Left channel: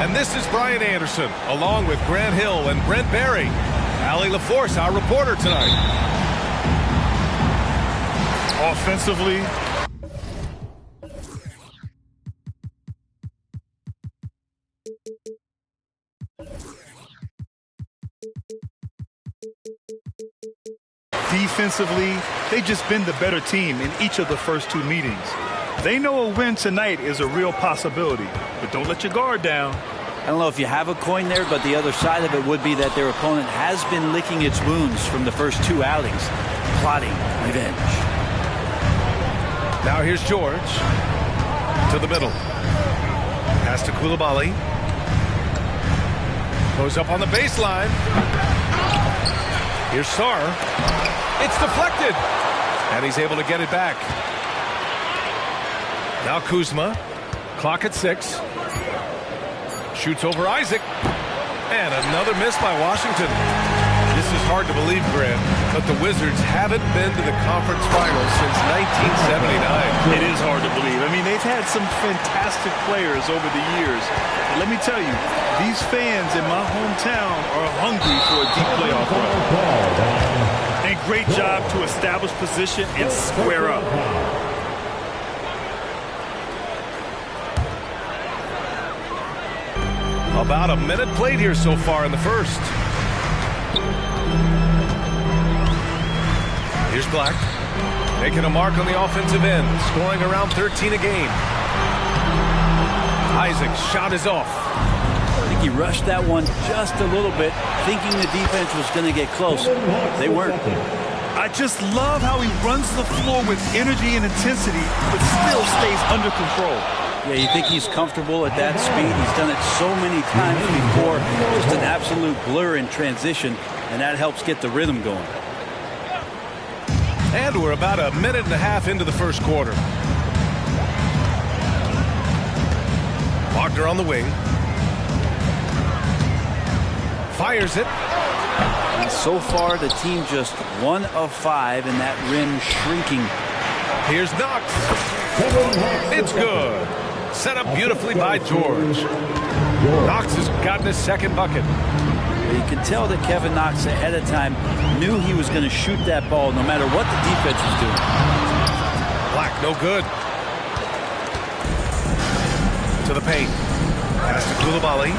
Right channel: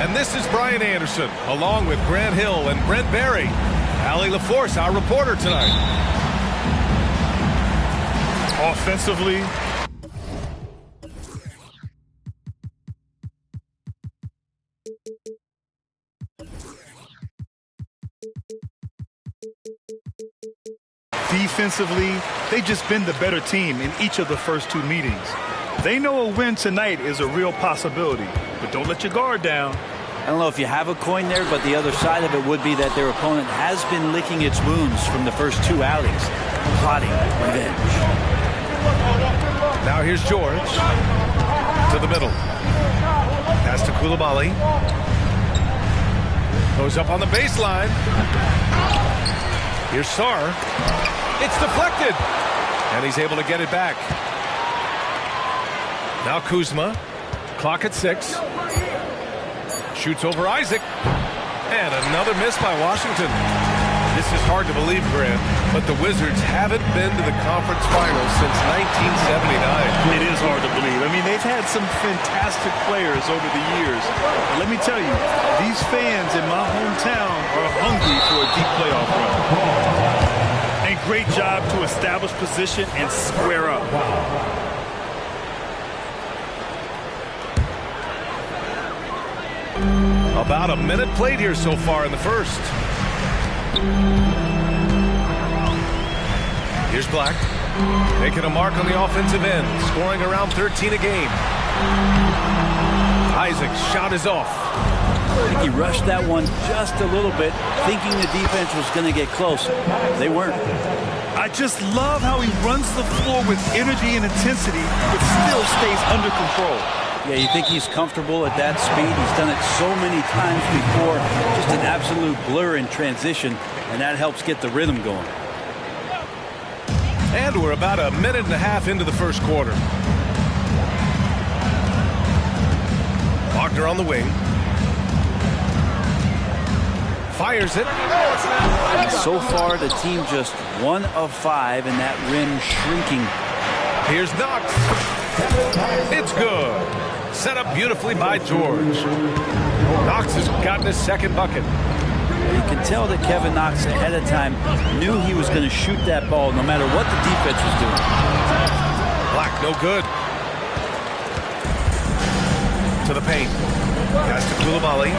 And this is Brian Anderson, along with Grant Hill and Brent Barry. Allie LaForce, our reporter tonight. Offensively, defensively, they've just been the better team in each of the first two meetings. They know a win tonight is a real possibility, but don't let your guard down. I don't know if you have a coin there, but the other side of it would be that their opponent has been licking its wounds from the first two outings, plotting revenge. Now here's George to the middle. Pass to Coulibaly. Goes up on the baseline. Here's Sarr. It's deflected. And he's able to get it back. Now Kuzma. Clock at 6. Shoots over Isaac. And another miss by Washington. This is hard to believe, Grant, but the Wizards haven't been to the conference finals since 1979. It is hard to believe. I mean, they've had some fantastic players over the years. But let me tell you, these fans in my hometown are hungry for a deep playoff run. And great job to establish position and square up. About a minute played here so far in the first. Here's Black, making a mark on the offensive end, scoring around 13 a game. Isaac's shot is off. I think he rushed that one just a little bit, thinking the defense was going to get close. They weren't. I just love how he runs the floor with energy and intensity, but still stays under control. Yeah, you think he's comfortable at that speed. He's done it so many times before. Just an absolute blur in transition, and that helps get the rhythm going. And we're about a minute and a half into the first quarter. Wagner on the wing. Fires it. And so far, the team just 1 of 5, and that rim shrinking. Here's Knox. It's good. Set up beautifully by George. Knox has gotten his second bucket. You can tell that Kevin Knox ahead of time knew he was going to shoot that ball no matter what the defense was doing. Black, no good. To the paint. Pass to Coulibaly.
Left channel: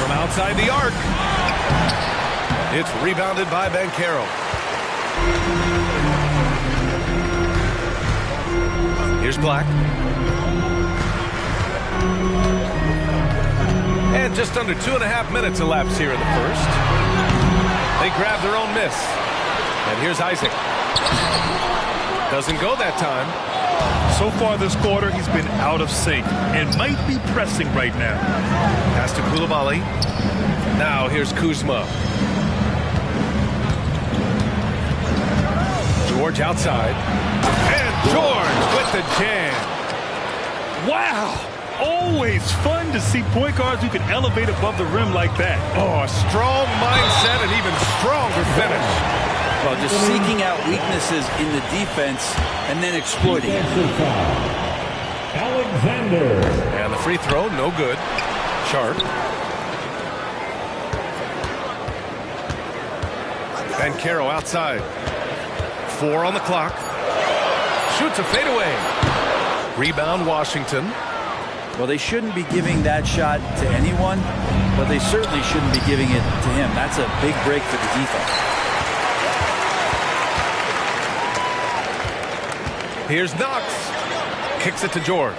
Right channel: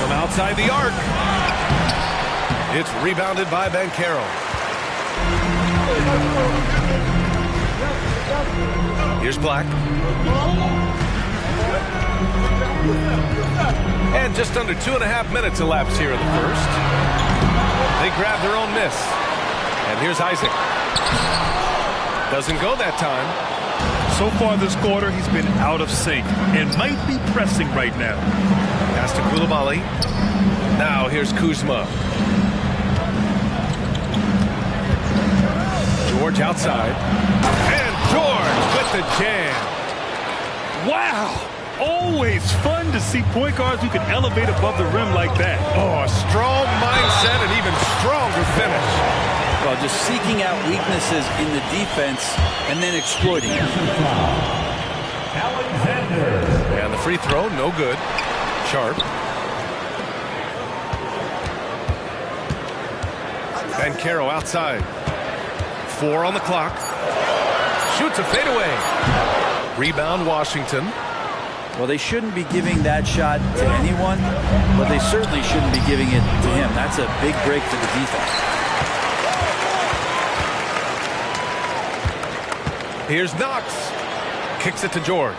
From outside the arc. It's rebounded by Banchero. Here's Black. And just under 2.5 minutes elapsed here in the first. They grab their own miss. And here's Isaac. Doesn't go that time. So far this quarter, he's been out of sync and might be pressing right now. Pass to Coulibaly. Now here's Kuzma. George outside. And George with the jam. Wow! Always fun to see point guards who can elevate above the rim like that. Oh, a strong mindset and even stronger finish. Well, just seeking out weaknesses in the defense and then exploiting it. And the free throw, no good. Sharp. Banchero outside. 4 on the clock. Shoots a fadeaway. Rebound Washington. Well, they shouldn't be giving that shot to anyone, but they certainly shouldn't be giving it to him. That's a big break for the defense. Here's Knox. Kicks it to George.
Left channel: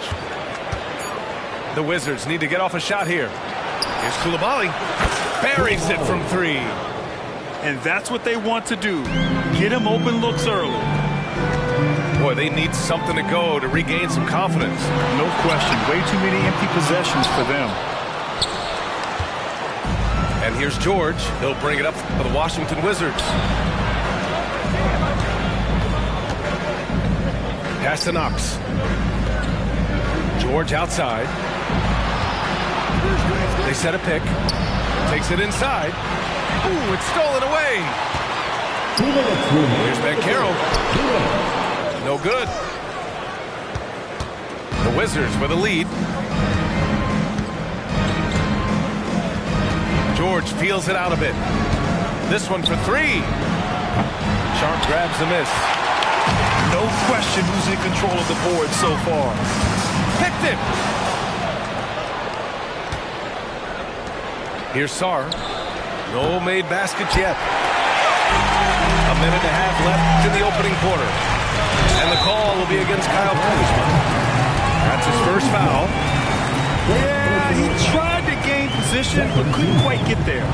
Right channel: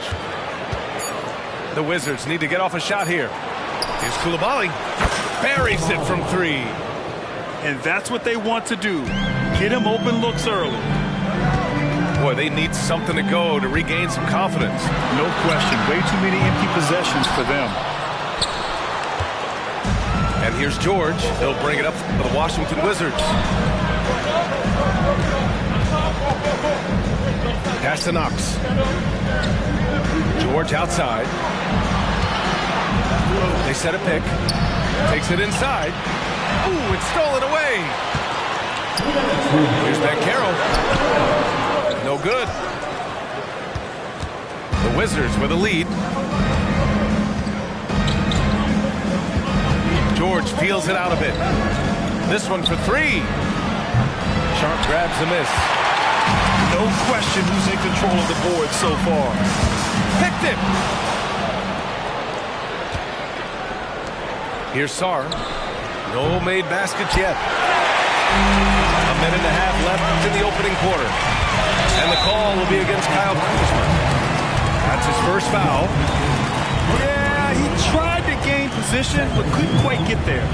The Wizards need to get off a shot here. Here's Coulibaly. Buries it from 3. And that's what they want to do. Get him open looks early. Boy, they need something to go to regain some confidence. No question. Way too many empty possessions for them. And here's George. He'll bring it up for the Washington Wizards. Pass to Knox. George outside. They set a pick. Takes it inside. Ooh, it's stolen away. Here's Banchero. No good. The Wizards with a lead. George feels it out a bit. This one for 3. Sharp grabs the miss. No question who's in control of the board so far. Picked it. Here's Sarr. No made baskets yet. A minute and a half left in the opening quarter. And the call will be against Kyle Kuzma. That's his first foul. Yeah, he tried to gain position, but couldn't quite get there.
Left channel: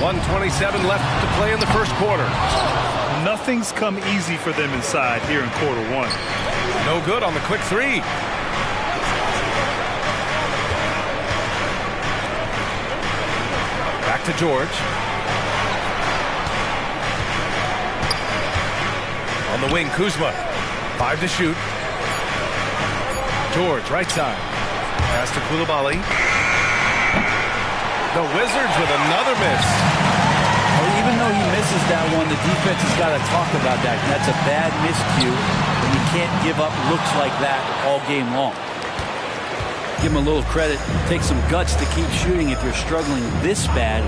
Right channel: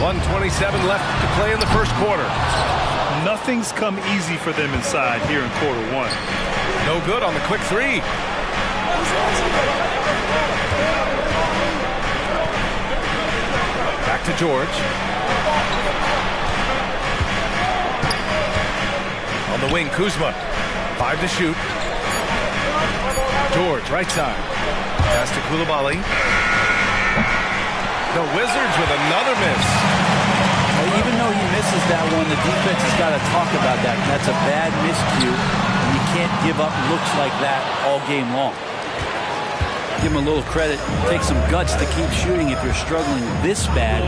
1:27 left to play in the first quarter. Nothing's come easy for them inside here in quarter 1. No good on the quick 3. Back to George. On the wing, Kuzma. 5 to shoot. George, right side. Pass to Coulibaly. The Wizards with another miss. Well, even though he misses that one, the defense has got to talk about that. And that's a bad miscue, and you can't give up looks like that all game long. Give him a little credit. Take some guts to keep shooting if you're struggling this bad.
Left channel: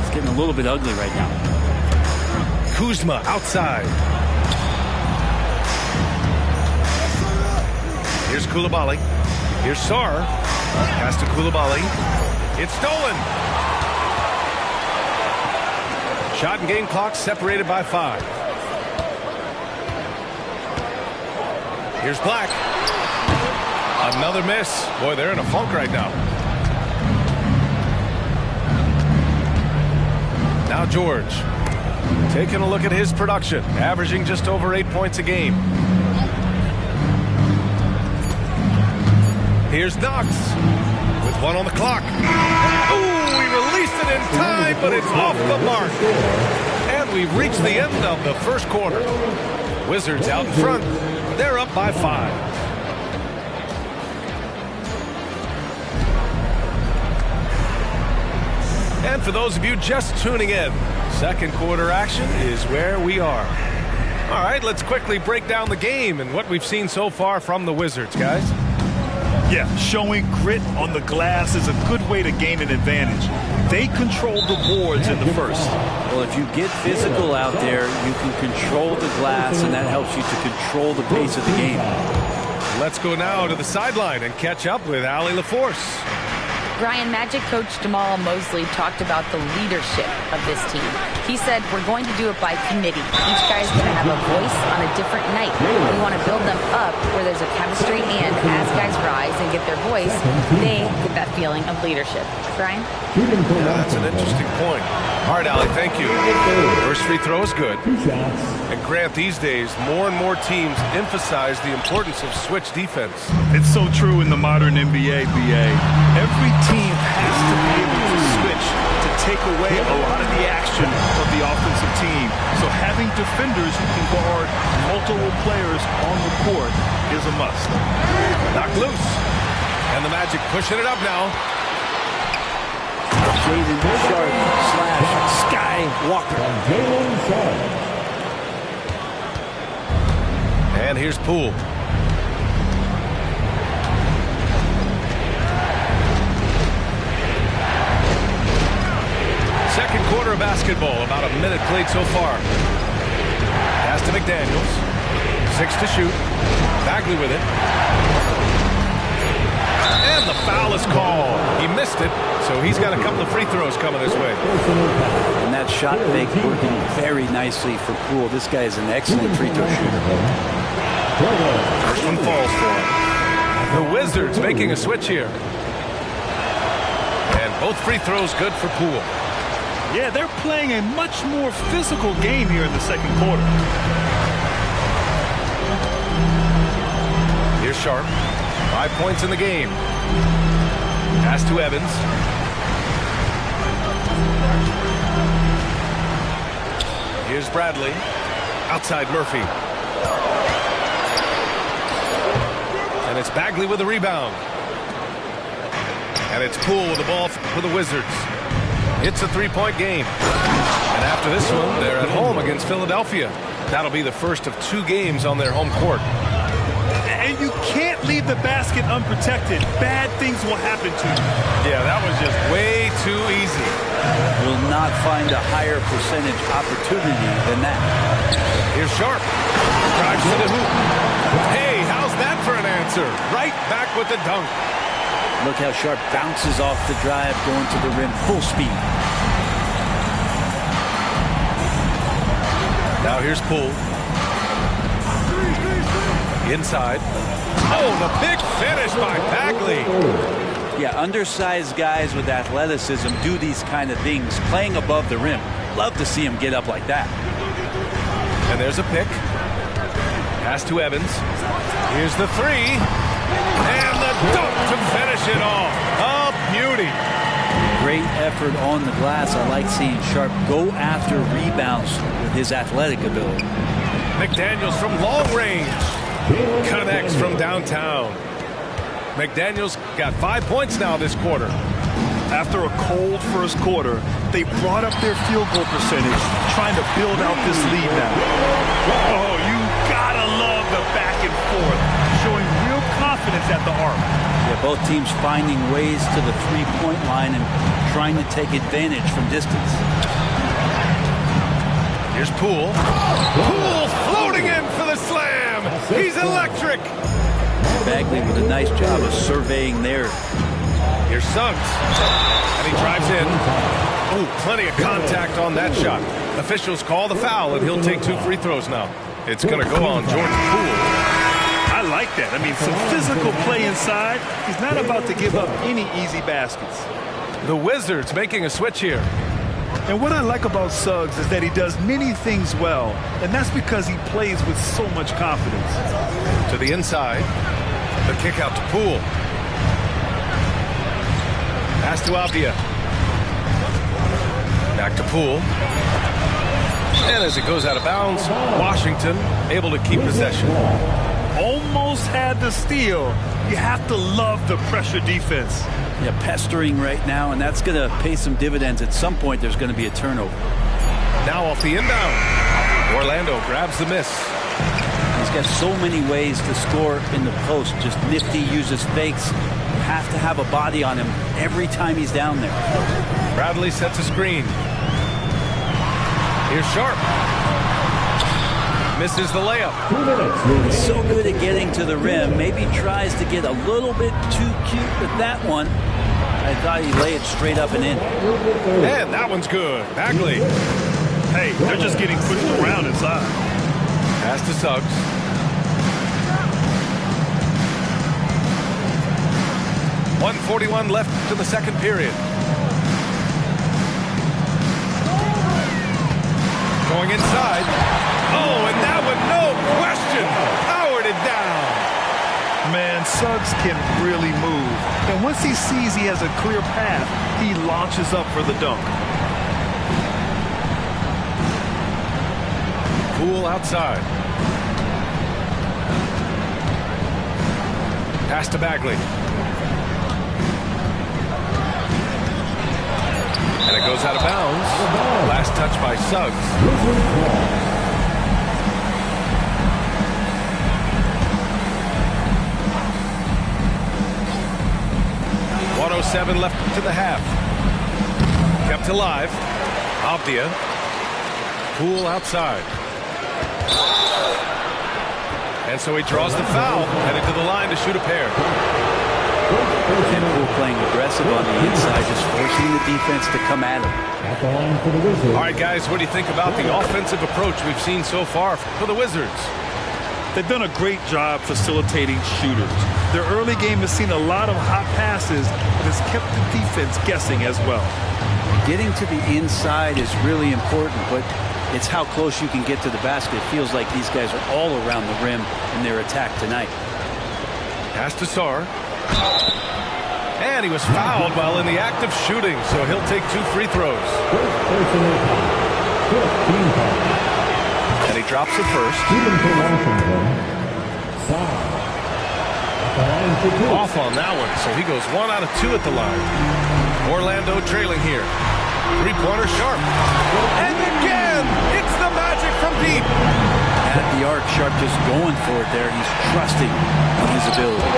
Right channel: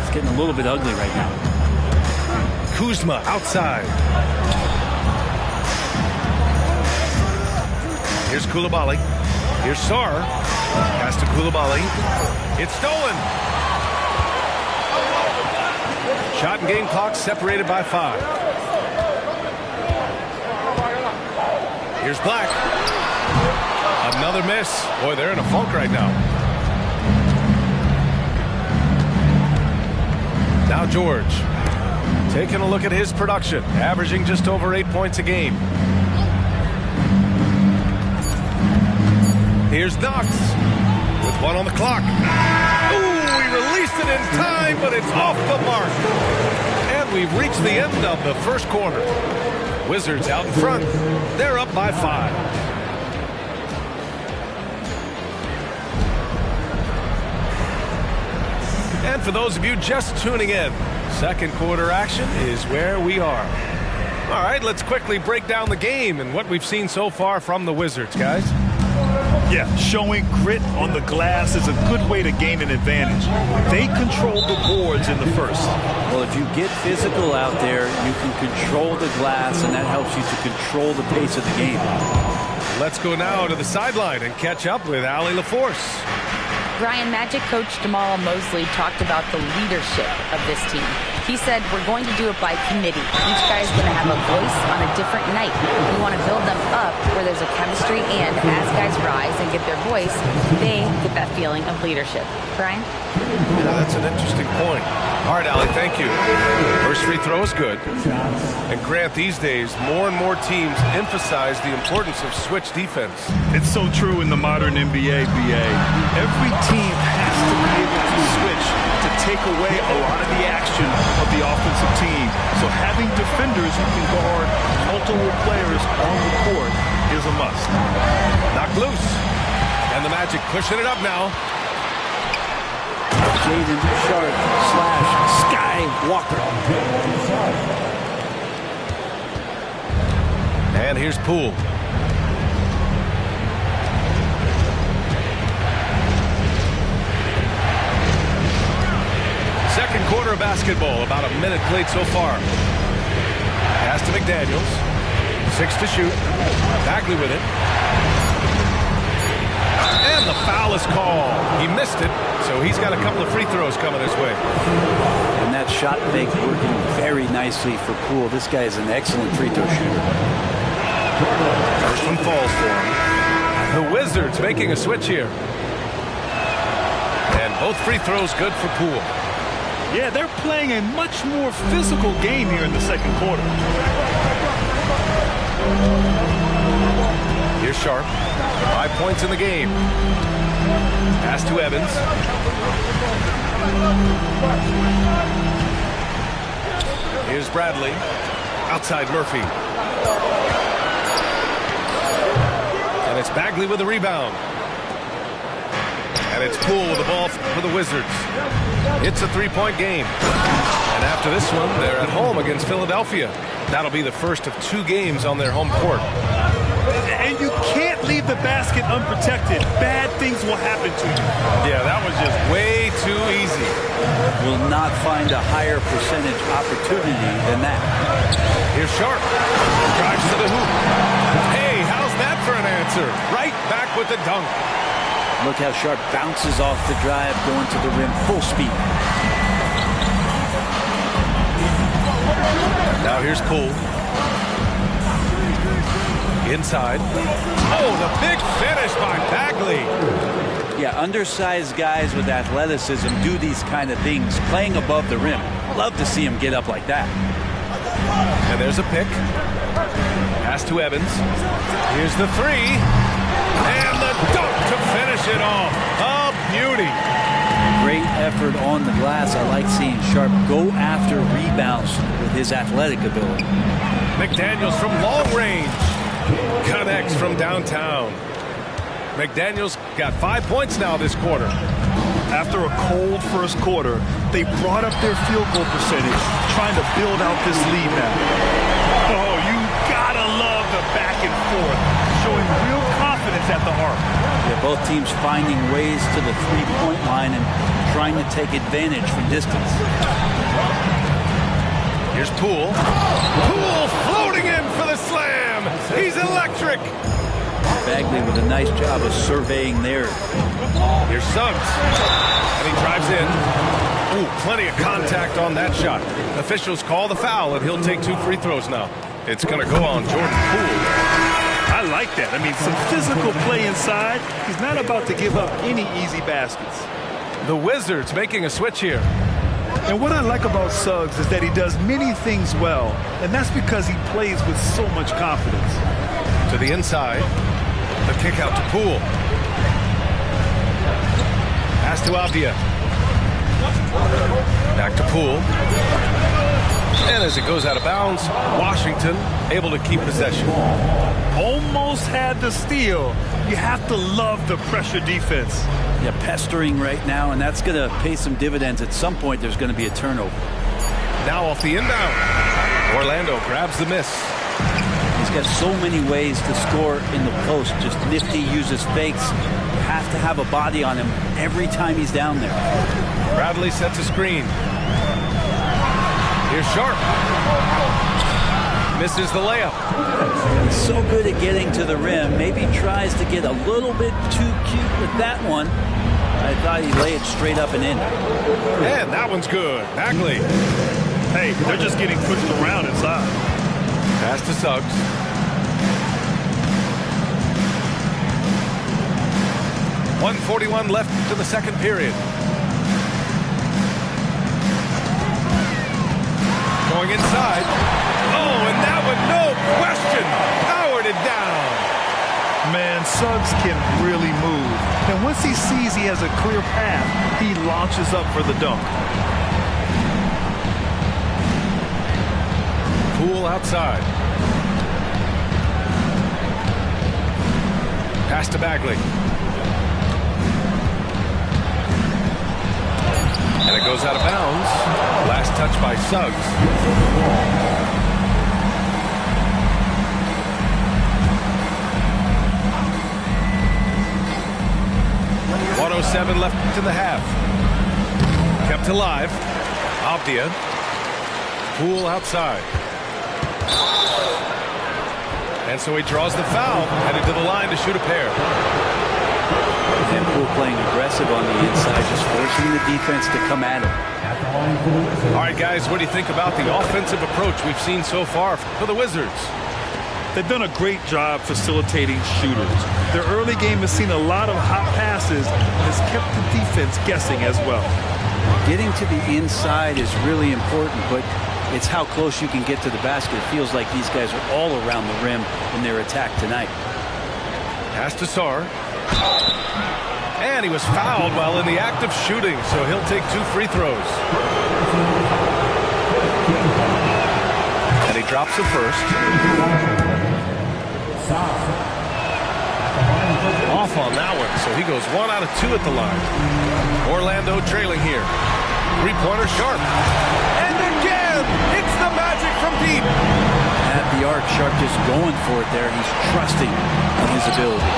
It's getting a little bit ugly right now. Kuzma outside. Here's Coulibaly. Here's Sarr. Pass to Coulibaly. It's stolen. Shot and game clock separated by 5. Here's Black. Another miss. Boy, they're in a funk right now. Now George. Taking a look at his production. Averaging just over 8 points a game. Here's Knox with 1 on the clock. Ooh, he released it in time, but it's off the mark. And we've reached the end of the first quarter. Wizards out in front. They're up by 5. And for those of you just tuning in, second quarter action is where we are. All right, let's quickly break down the game and what we've seen so far from the Wizards, guys. Yeah, showing grit on the glass is a good way to gain an advantage. They controlled the boards in the first. Well, if you get physical out there, you can control the glass, and that helps you to control the pace of the game. Let's go now to the sideline and catch up with Allie LaForce. Brian, Magic coach Jamal Mosley talked about the leadership of this team. He said, we're going to do it by committee. Each guy's going to have a voice on a different night. We want to build them up where there's a chemistry, and as guys rise and get their voice, they get that feeling of leadership. Brian? Yeah, that's an interesting point. All right, Allie, thank you. First free throw is good. And Grant, these days, more and more teams emphasize the importance of switch defense. It's so true in the modern NBA, BA. Every team has to be able to switch to take away a lot of the action of the offensive team. So having defenders who can guard multiple players on the court is a must. Knocked loose. And the Magic pushing it up now. Jaden Sharp / Sky Walker. And here's Poole. Second quarter of basketball, about a minute played so far. Pass to McDaniels. 6 to shoot. Bagley with it. And the foul is called. He missed it, so he's got a couple of free throws coming his way. And that shot fake working very nicely for Poole. This guy is an excellent free throw shooter. First one falls for him. The Wizards making a switch here. And both free throws good for Poole. Yeah, they're playing a much more physical game here in the second quarter. Here's Sharp. 5 points in the game. Pass to Evans. Here's Bradley. Outside Murphy. And it's Bagley with the rebound. And it's Poole with the ball for the Wizards. It's a 3-point game. And after this one, they're at home against Philadelphia. That'll be the first of 2 games on their home court. And you can't leave the basket unprotected. Bad things will happen to you. Yeah, that was just way too easy. Will not find a higher percentage opportunity than that. Here's Sharp. Drives to the hoop. Hey, how's that for an answer? Right back with the dunk. Look how Sharp bounces off the drive, going to the rim full speed. Now here's Poole. Inside. Oh, the big finish by Bagley. Yeah, undersized guys with athleticism do these kind of things, playing above the rim. Love to see him get up like that. And there's a pick. Pass to Evans. Here's the 3. And the dunk to finish it off. A beauty. Great effort on the glass. I like seeing Sharp go after rebounds with his athletic ability. McDaniels from long range. Connects from downtown. McDaniels got 5 points now this quarter. After a cold first quarter, they brought up their field goal percentage, trying to build out this lead now. Oh, you gotta love the back and forth, showing real confidence at the arc. Yeah, both teams finding ways to the three-point line and trying to take advantage from distance. Here's Poole. Poole floating in for the slam. He's electric. Bagley with a nice job of surveying there. Here's Suggs. And he drives in. Oh, plenty of contact on that shot. Officials call the foul, and he'll take 2 free throws now. It's going to go on Jordan Poole. I like that. I mean, some physical play inside. He's not about to give up any easy baskets. The Wizards making a switch here. And what I like about Suggs is that he does many things well, and that's because he plays with so much confidence. To the inside. The kick out to Poole. Pass to Avdia. Back to Poole. And as it goes out of bounds, Washington able to keep possession. Almost had the steal. You have to love the pressure defense. Yeah, pestering right now, and that's going to pay some dividends. At some point, there's going to be a turnover. Now off the inbound. Orlando grabs the miss. He's got so many ways to score in the post. Just nifty, uses fakes. You have to have a body on him every time he's down there. Bradley sets a screen. Here's Sharp. Misses the layup. He's so good at getting to the rim. Maybe tries to get a little bit too cute with that one. I thought he'd lay it straight up and in. And that one's good. Bagley. Hey, they're just getting pushed around inside. Pass to Suggs. .141 left to the second period. Going inside. Oh, and that one, no question, powered it down. Man, Suggs can really move. And once he sees he has a clear path, he launches up for the dunk. Poole outside. Pass to Bagley. And it goes out of bounds. Last touch by Suggs. 1:07 left to the half. Kept alive. Avdia. Poole outside. And so he draws the foul, headed to the line to shoot a pair. And Poole playing aggressive on the inside, just forcing the defense to come at him. All right, guys, what do you think about the offensive approach we've seen so far for the Wizards? They've done a great job facilitating shooters. Their early game has seen a lot of hot passes and has kept the defense guessing as well. Getting to the inside is really important, but it's how close you can get to the basket. It feels like these guys are all around the rim in their attack tonight. Pass to Sarr. And he was fouled while in the act of shooting, so he'll take 2 free throws. And he drops the first. Off on that one, so he goes 1 out of 2 at the line. Orlando trailing here. Three-pointer Sharp. And again, it's the Magic from deep. At the arc, Sharp just going for it there. He's trusting in his ability.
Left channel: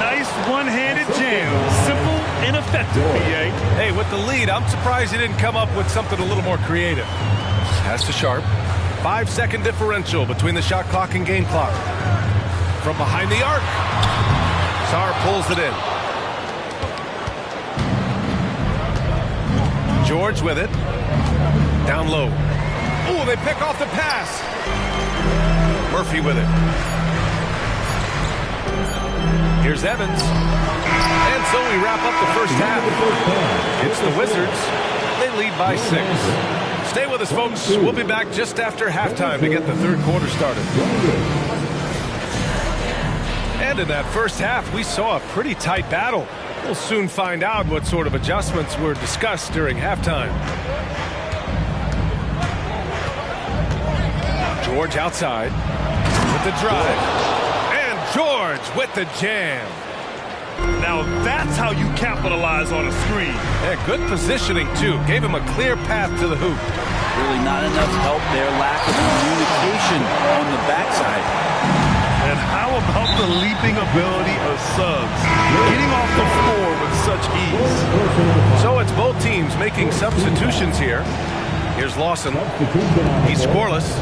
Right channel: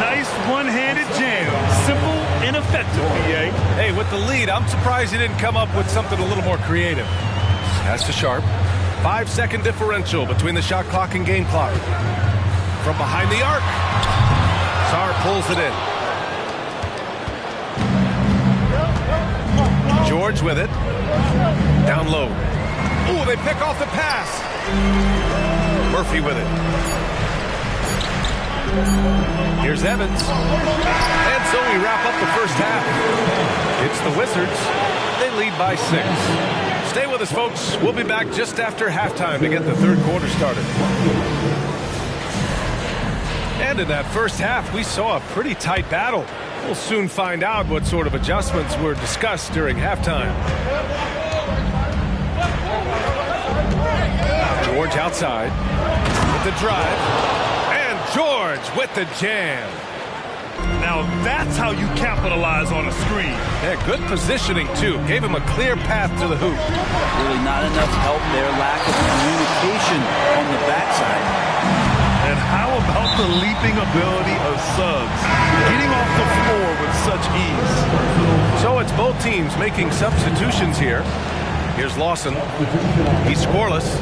Nice one-handed jam. Simple and effective, PA. Hey, with the lead, I'm surprised he didn't come up with something a little more creative. Pass to Sharp. 5-second differential between the shot clock and game clock. From behind the arc. Sarr pulls it in. George with it. Down low. Oh, they pick off the pass. Murphy with it. Here's Evans. And so we wrap up the first half. It's the Wizards. They lead by 6. Stay with us, folks. We'll be back just after halftime to get the third quarter started. And in that first half, we saw a pretty tight battle. We'll soon find out what sort of adjustments were discussed during halftime. George outside with the drive. And George with the jam. Now that's how you capitalize on a screen. Yeah, good positioning, too. Gave him a clear path to the hoop. Really not enough help there. Lack of communication on the backside. And how about the leaping ability of Suggs? Getting off the floor with such ease. So it's both teams making substitutions here. Here's Lawson. He's scoreless.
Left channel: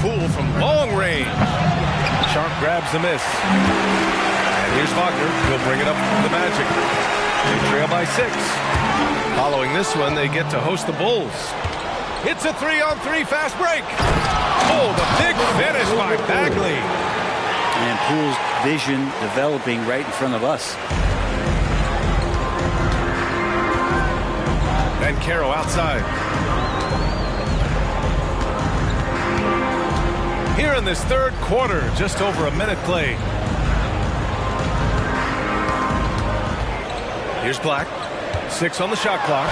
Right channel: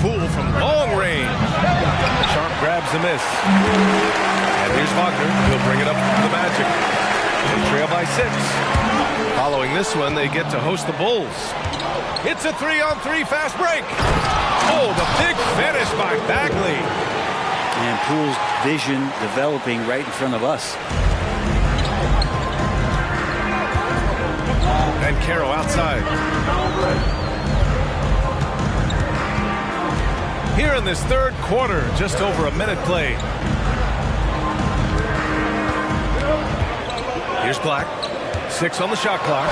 Poole from long range. Sharp grabs the miss. And here's Wagner. He'll bring it up to the Magic. They trail by 6. Following this one, they get to host the Bulls. It's a 3-on-3 fast break. Oh, the big finish by Bagley. And Poole's vision developing right in front of us. And Caro outside. Here in this third quarter, just over a minute played. Here's Black. 6 on the shot clock.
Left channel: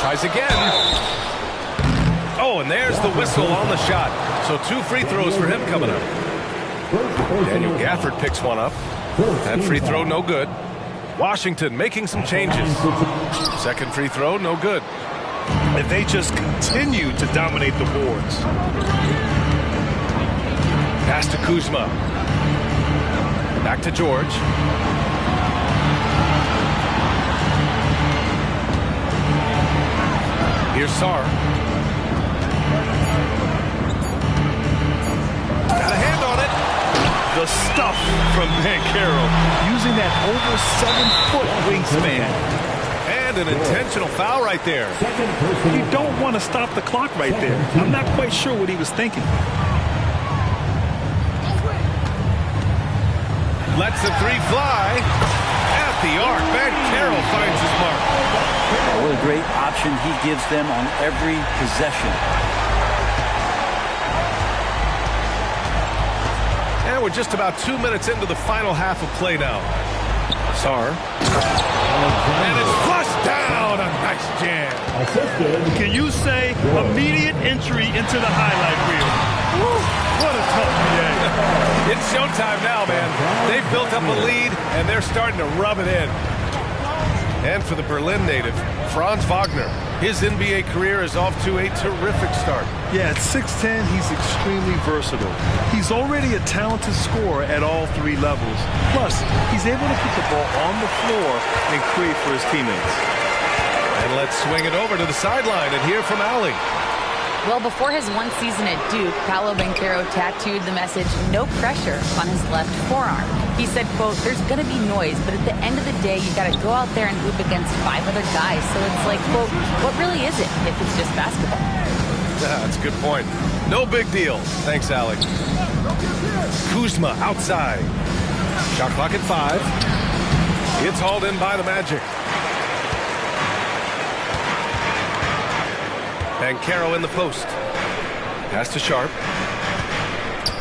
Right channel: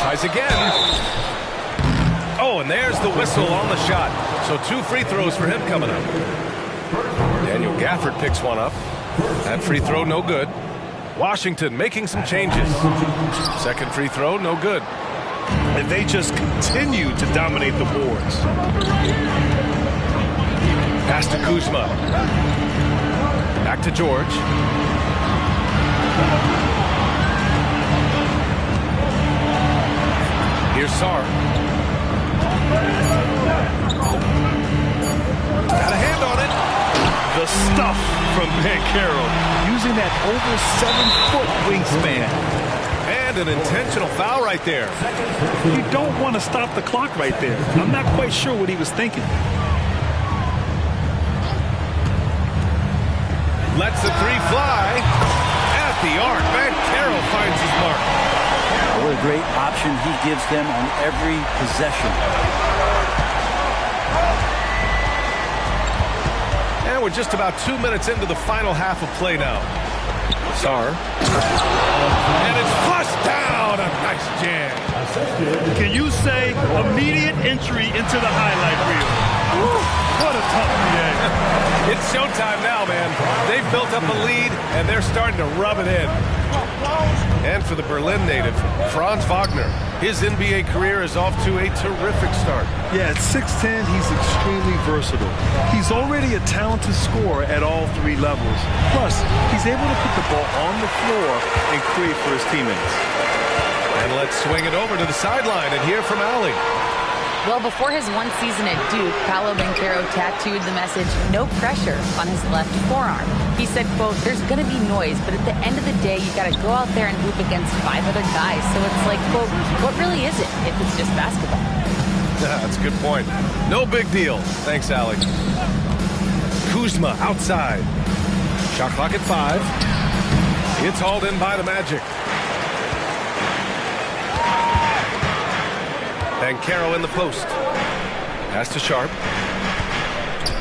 Tries again. Oh, and there's the whistle on the shot. So 2 free throws for him coming up. Daniel Gafford picks one up. That free throw, no good. Washington making some changes. Second free throw, no good. And they just continue to dominate the boards. Pass to Kuzma. Back to George. Here's Sarr. Got a hand on it. The stuff from Banchero, using that over 7-foot wingspan. And an intentional foul right there. You don't want to stop the clock right there. I'm not quite sure what he was thinking. Lets the 3 fly. At the arc, Banchero finds his mark. What a great option he gives them on every possession. And we're just about 2 minutes into the final half of play now. Sarr. And it's flushed down. A nice jam. Can you say immediate entry into the highlight reel? Woo, what a tough PA. It's showtime now, man. They've built up a lead, and they're starting to rub it in. And for the Berlin native, Franz Wagner. His NBA career is off to a terrific start. Yeah, at 6'10", he's extremely versatile. He's already a talented scorer at all three levels. Plus, he's able to put the ball on the floor and create for his teammates. And let's swing it over to the sideline and hear from Allie. Well, before his one season at Duke, Paolo Banchero tattooed the message, "No pressure," on his left forearm. He said, quote, "There's going to be noise, but at the end of the day, you got to go out there and hoop against 5 other guys. So it's like, quote, what really is it if it's just basketball?" Yeah, that's a good point. No big deal. Thanks, Allie. Kuzma outside. Shot clock at 5. It's hauled in by the Magic. Banchero in the post. Pass to Sharp.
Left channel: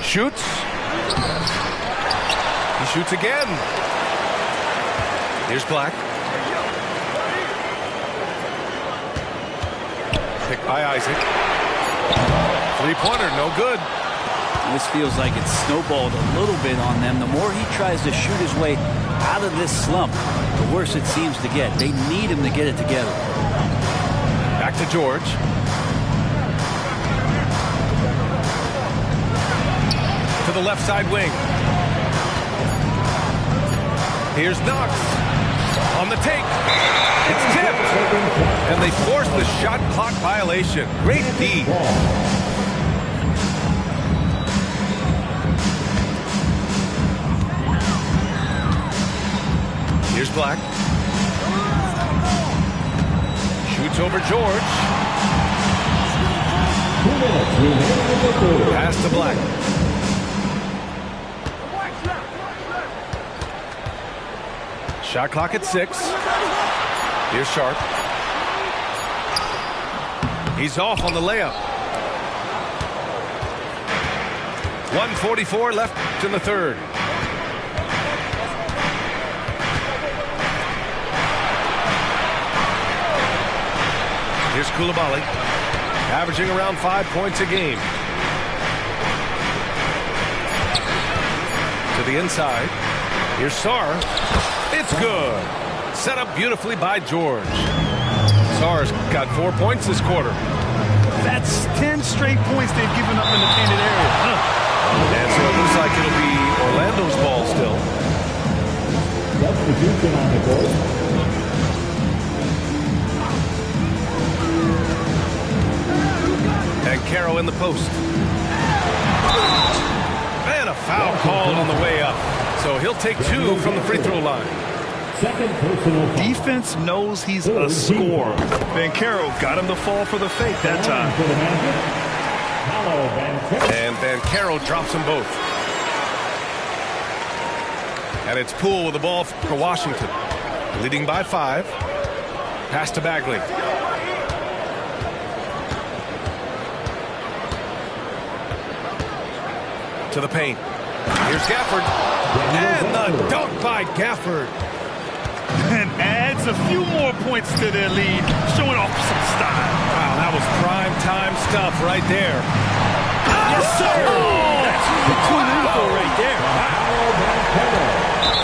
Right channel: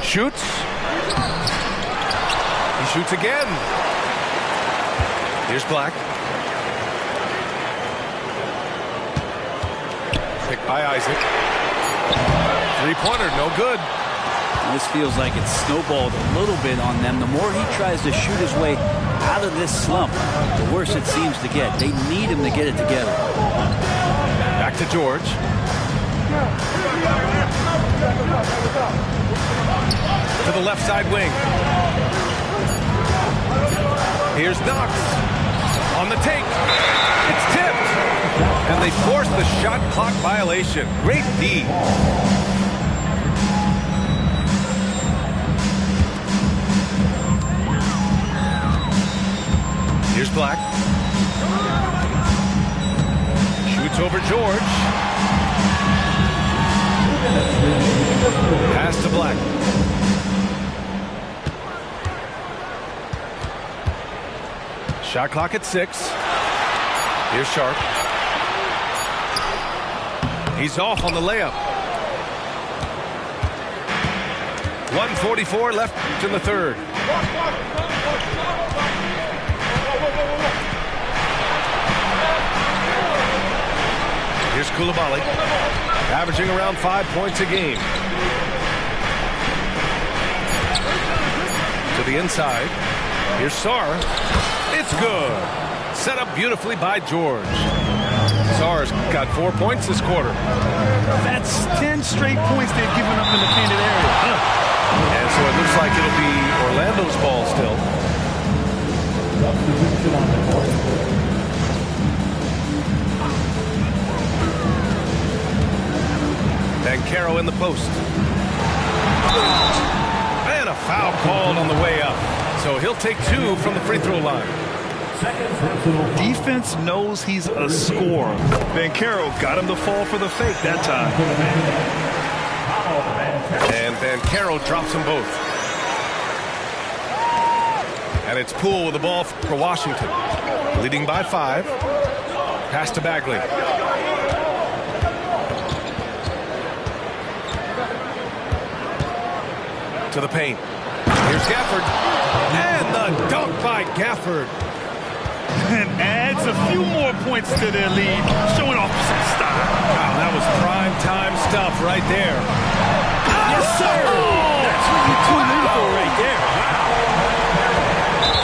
Shoots. He shoots again. Here's Black. Picked by Isaac. Three-pointer, no good. This feels like it's snowballed a little bit on them. The more he tries to shoot his way out of this slump, the worse it seems to get. They need him to get it together. Back to George. To the left side wing. Here's Knox. On the take. It's tipped. And they force the shot clock violation. Great D. Here's Black. Shoots over George. Pass to Black. Shot clock at 6. Here's Sharp. He's off on the layup. 1:44 left in the third. Here's Coulibaly, averaging around 5 points a game. To the inside. Here's Sarr. It's good. Set up beautifully by George. Sarr's got 4 points this quarter. That's 10 straight points they've given up in the painted area. And so it looks like it'll be Orlando's ball still. Substitution on the court. Banchero in the post. And a foul called on the way up. So he'll take 2 from the free throw line. Second personal foul. Defense knows he's a scorer. Banchero got him to fall for the fake that time. And Banchero drops them both. And it's Poole with the ball for Washington. Leading by 5. Pass to Bagley. To the paint. Here's Gafford. And the dunk by Gafford. And adds a few more points to their lead, showing off some style. Wow, that was prime time stuff right there. Yes, sir! That's what you tune in for right there. Wow.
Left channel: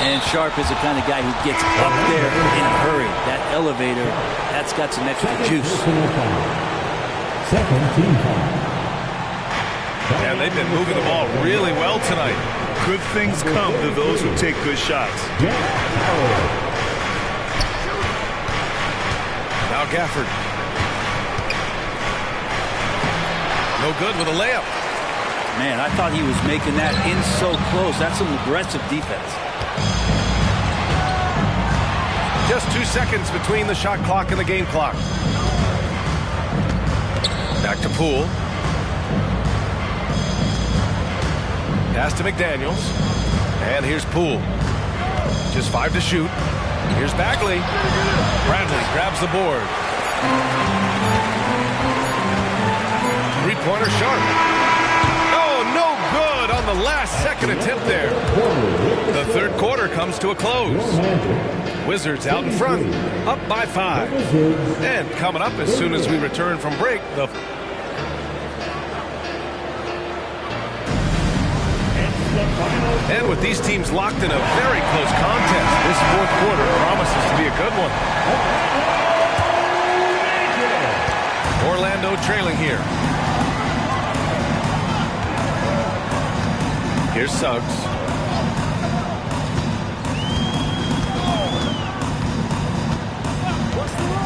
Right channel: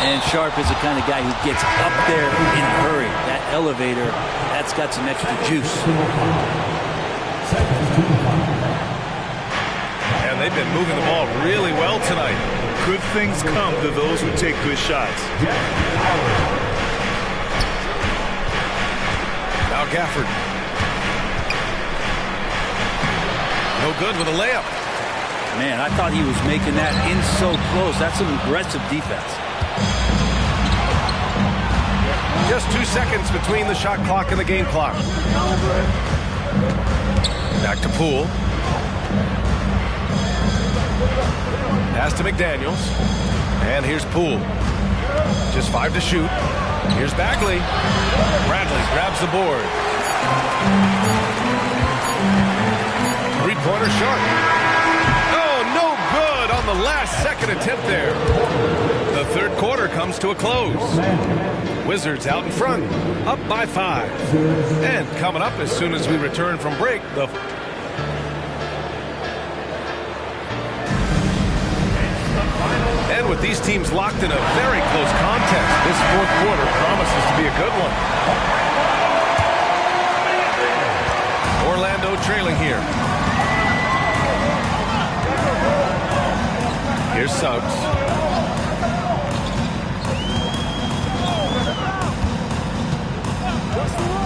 And Sharp is the kind of guy who gets up there in a hurry. That elevator, that's got some extra juice. Second team foul. And they've been moving the ball really well tonight. Good things come to those who take good shots. Now Gafford. No good with a layup. Man, I thought he was making that in so close. That's some aggressive defense. Just 2 seconds between the shot clock and the game clock. Back to Poole. Pass to McDaniels. And here's Poole. Just 5 to shoot. Here's Bagley. Bradley grabs the board. Three-pointer Sharp. Oh, no good on the last second attempt there. The third quarter comes to a close. Wizards out in front, up by 5. And coming up as soon as we return from break, And with these teams locked in a very close contest, this fourth quarter promises to be a good one. Orlando trailing here. Here's Suggs.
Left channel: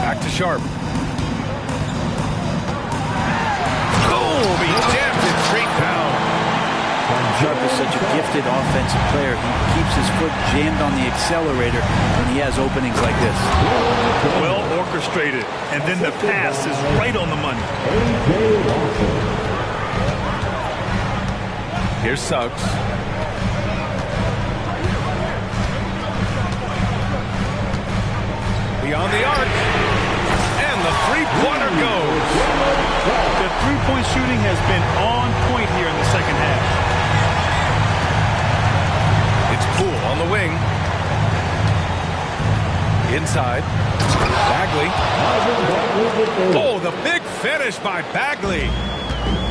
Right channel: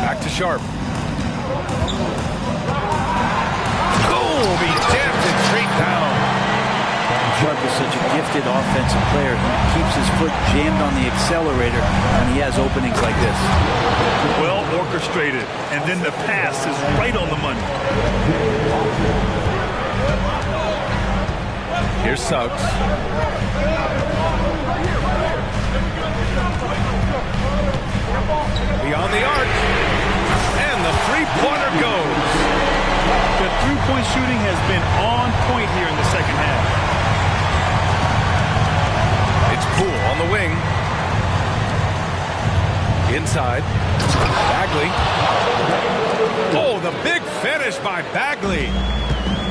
Back to Sharp. Boom! He jammed it straight down. Sharp is such a gifted offensive player. He keeps his foot jammed on the accelerator when he has openings like this. Well orchestrated, and then the pass is right on the money. Here's Suggs. Beyond the arc. And the three-pointer goes. The three-point shooting has been on point here in the second half. It's Poole on the wing. Inside. Bagley. Oh, the big finish by Bagley.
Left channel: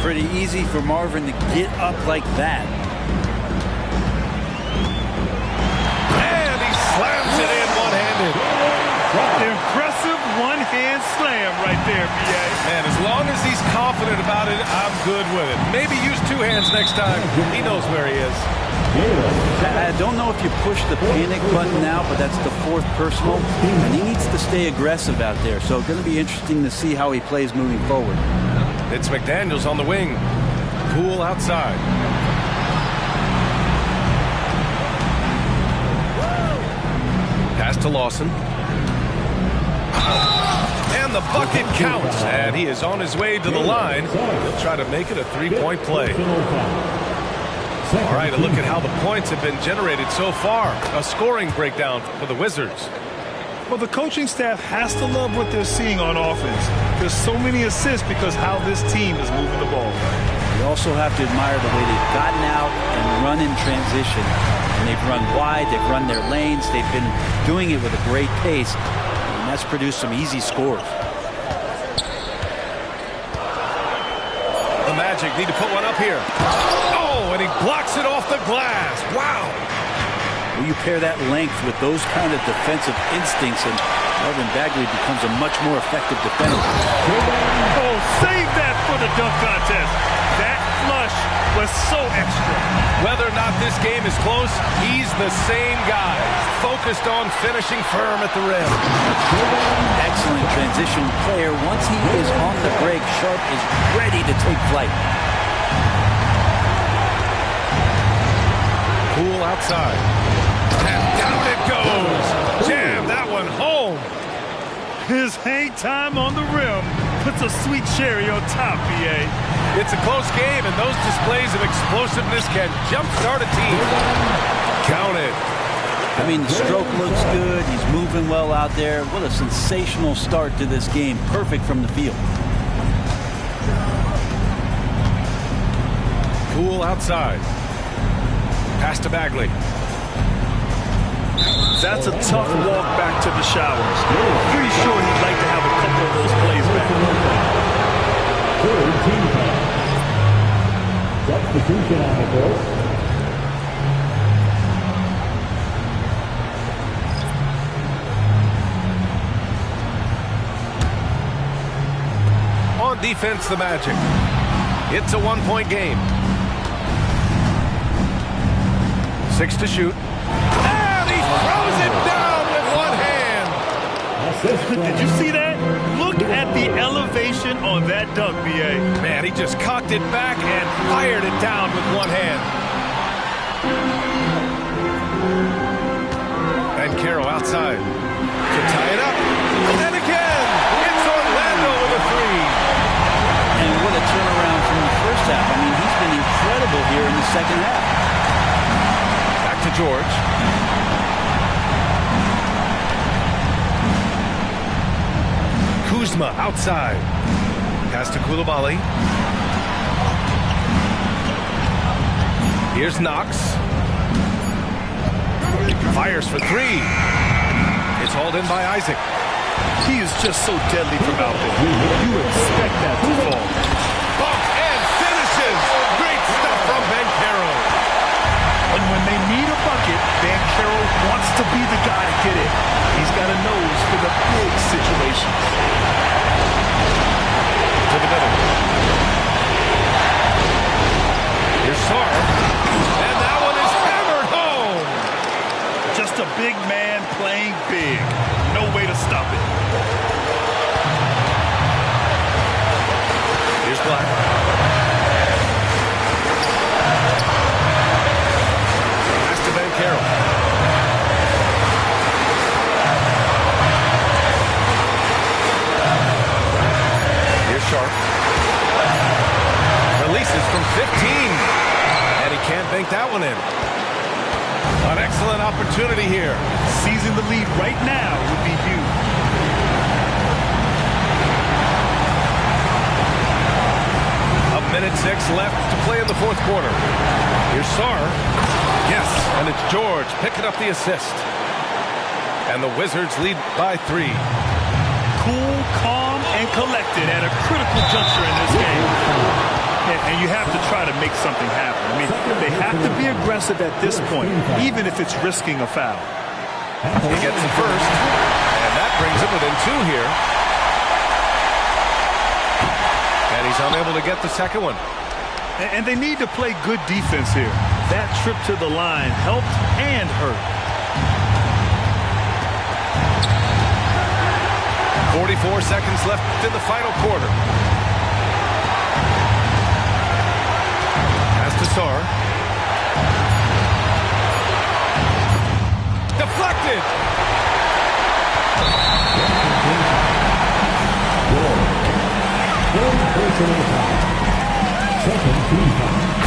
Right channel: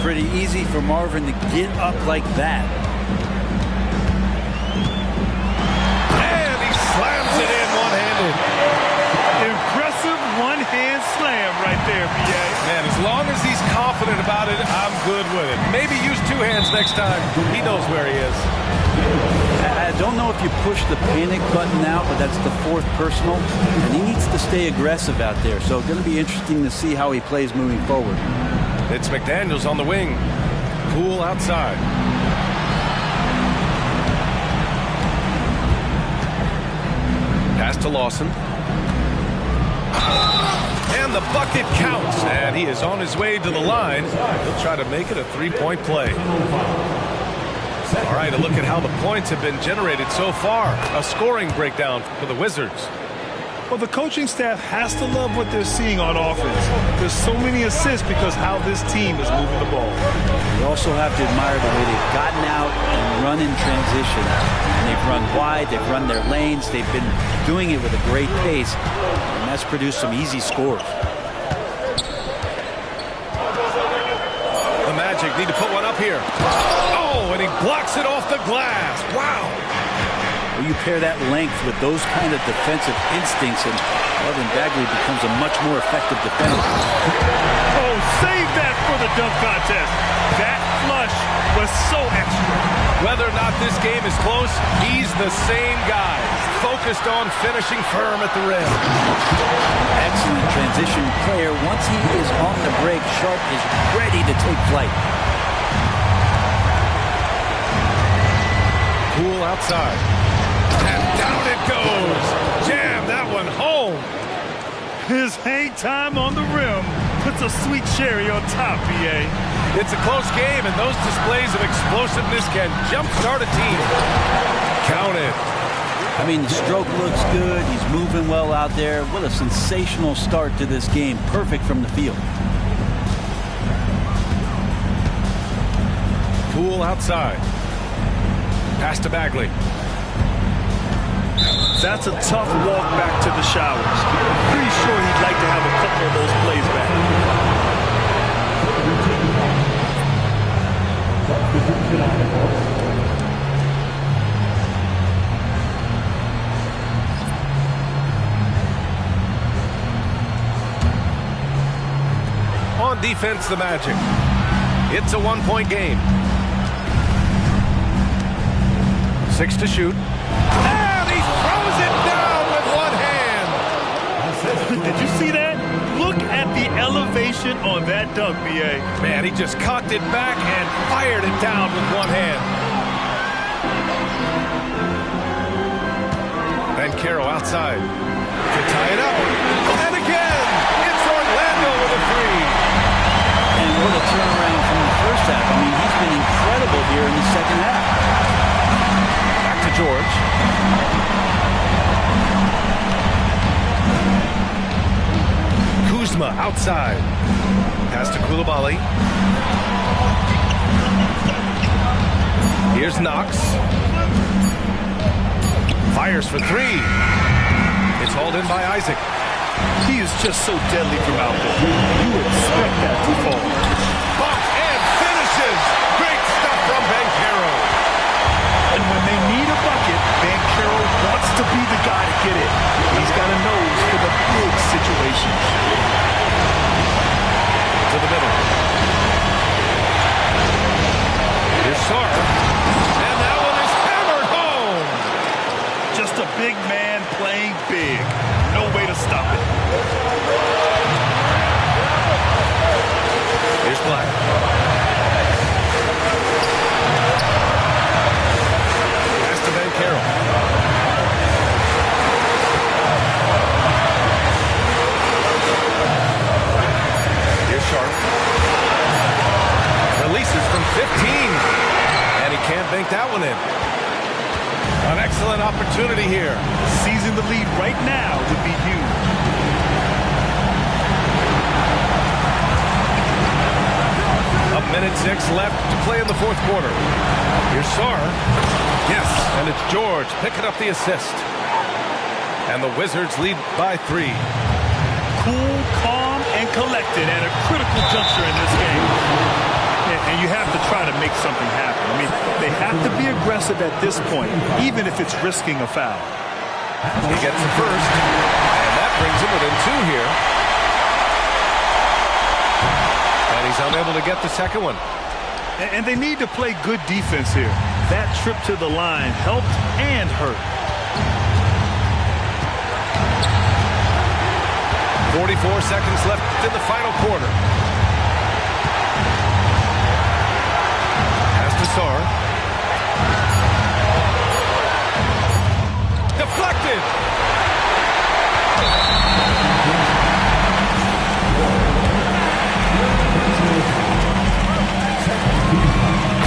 Pretty easy for Marvin to get up like that. And he slams it in one-handed. Impressive one-hand slam right there, B.A. Man, as long as he's confident about it, I'm good with it. Maybe use two hands next time. He knows where he is. I don't know if you push the panic button now, but that's the fourth personal, and he needs to stay aggressive out there. So it's going to be interesting to see how he plays moving forward. It's McDaniels on the wing. Poole outside. Pass to Lawson. And the bucket counts. And he is on his way to the line. He'll try to make it a three-point play. All right, a look at how the points have been generated so far. A scoring breakdown for the Wizards. Well, the coaching staff has to love what they're seeing on offense. There's so many assists because how this team is moving the ball. You also have to admire the way they've gotten out and run in transition. And they've run wide, they've run their lanes, they've been doing it with a great pace. And that's produced some easy scores. The Magic need to put one up here. Oh, and he blocks it off the glass. Wow. Well, you pair that length with those kind of defensive instincts, and Marvin Bagley becomes a much more effective defender. Oh, save that for the dunk contest. That flush was so extra. Whether or not this game is close, he's the same guy. Focused on finishing firm at the rim. An excellent transition player. Once he is on the break, Sharp is ready to take flight. Poole outside. And down it goes. Jam that one home. His hang time on the rim puts a sweet cherry on top, B.A. It's a close game, and those displays of explosiveness can jumpstart a team. Count it. I mean, the stroke looks good. He's moving well out there. What a sensational start to this game. Perfect from the field. Poole outside. Pass to Bagley. That's a tough walk back to the showers. Pretty sure he'd like to have a couple of those plays back. Substitution on the court. On defense, the Magic. It's a one-point game. 6 to shoot. And he throws it down with one hand. Did you see that? Look at the elevation on that dunk, B.A. Man, he just cocked it back and fired it down with one hand. And Caro outside to tie it up. And again, it's Orlando with a three. And what a turnaround from the first half. I mean, he's been incredible here in the second half. Back to George. Kuzma outside. Pass to Coulibaly. Here's Knox. Fires for three. It's hauled in by Isaac. He is just so deadly from out there. You expect that to fall. Bump and finishes. Great stuff from Banchero. And when they need a bucket, Banchero wants to be the guy to get it. He's got a nose for the big situations. to the middle. Here's Sarr. And that one is hammered home. Just a big man playing big. No way to stop it. Here's Black. Pass to Banchero. Here's Sharp. Releases from 15. And he can't bank that one in. An excellent opportunity here. Seizing the lead right now would be huge. A minute 6 left to play in the fourth quarter. Here's Sarr. Yes, and it's George picking up the assist. And the Wizards lead by 3. Cool, calm, and collected at a critical juncture in this game. And you have to try to make something happen. I mean, they have to be aggressive at this point, even if it's risking a foul. He gets the first, and that brings him within 2 here. And he's unable to get the second one. And they need to play good defense here. That trip to the line helped and hurt. 44 seconds left in the final quarter. Pass to Sarr. Deflected.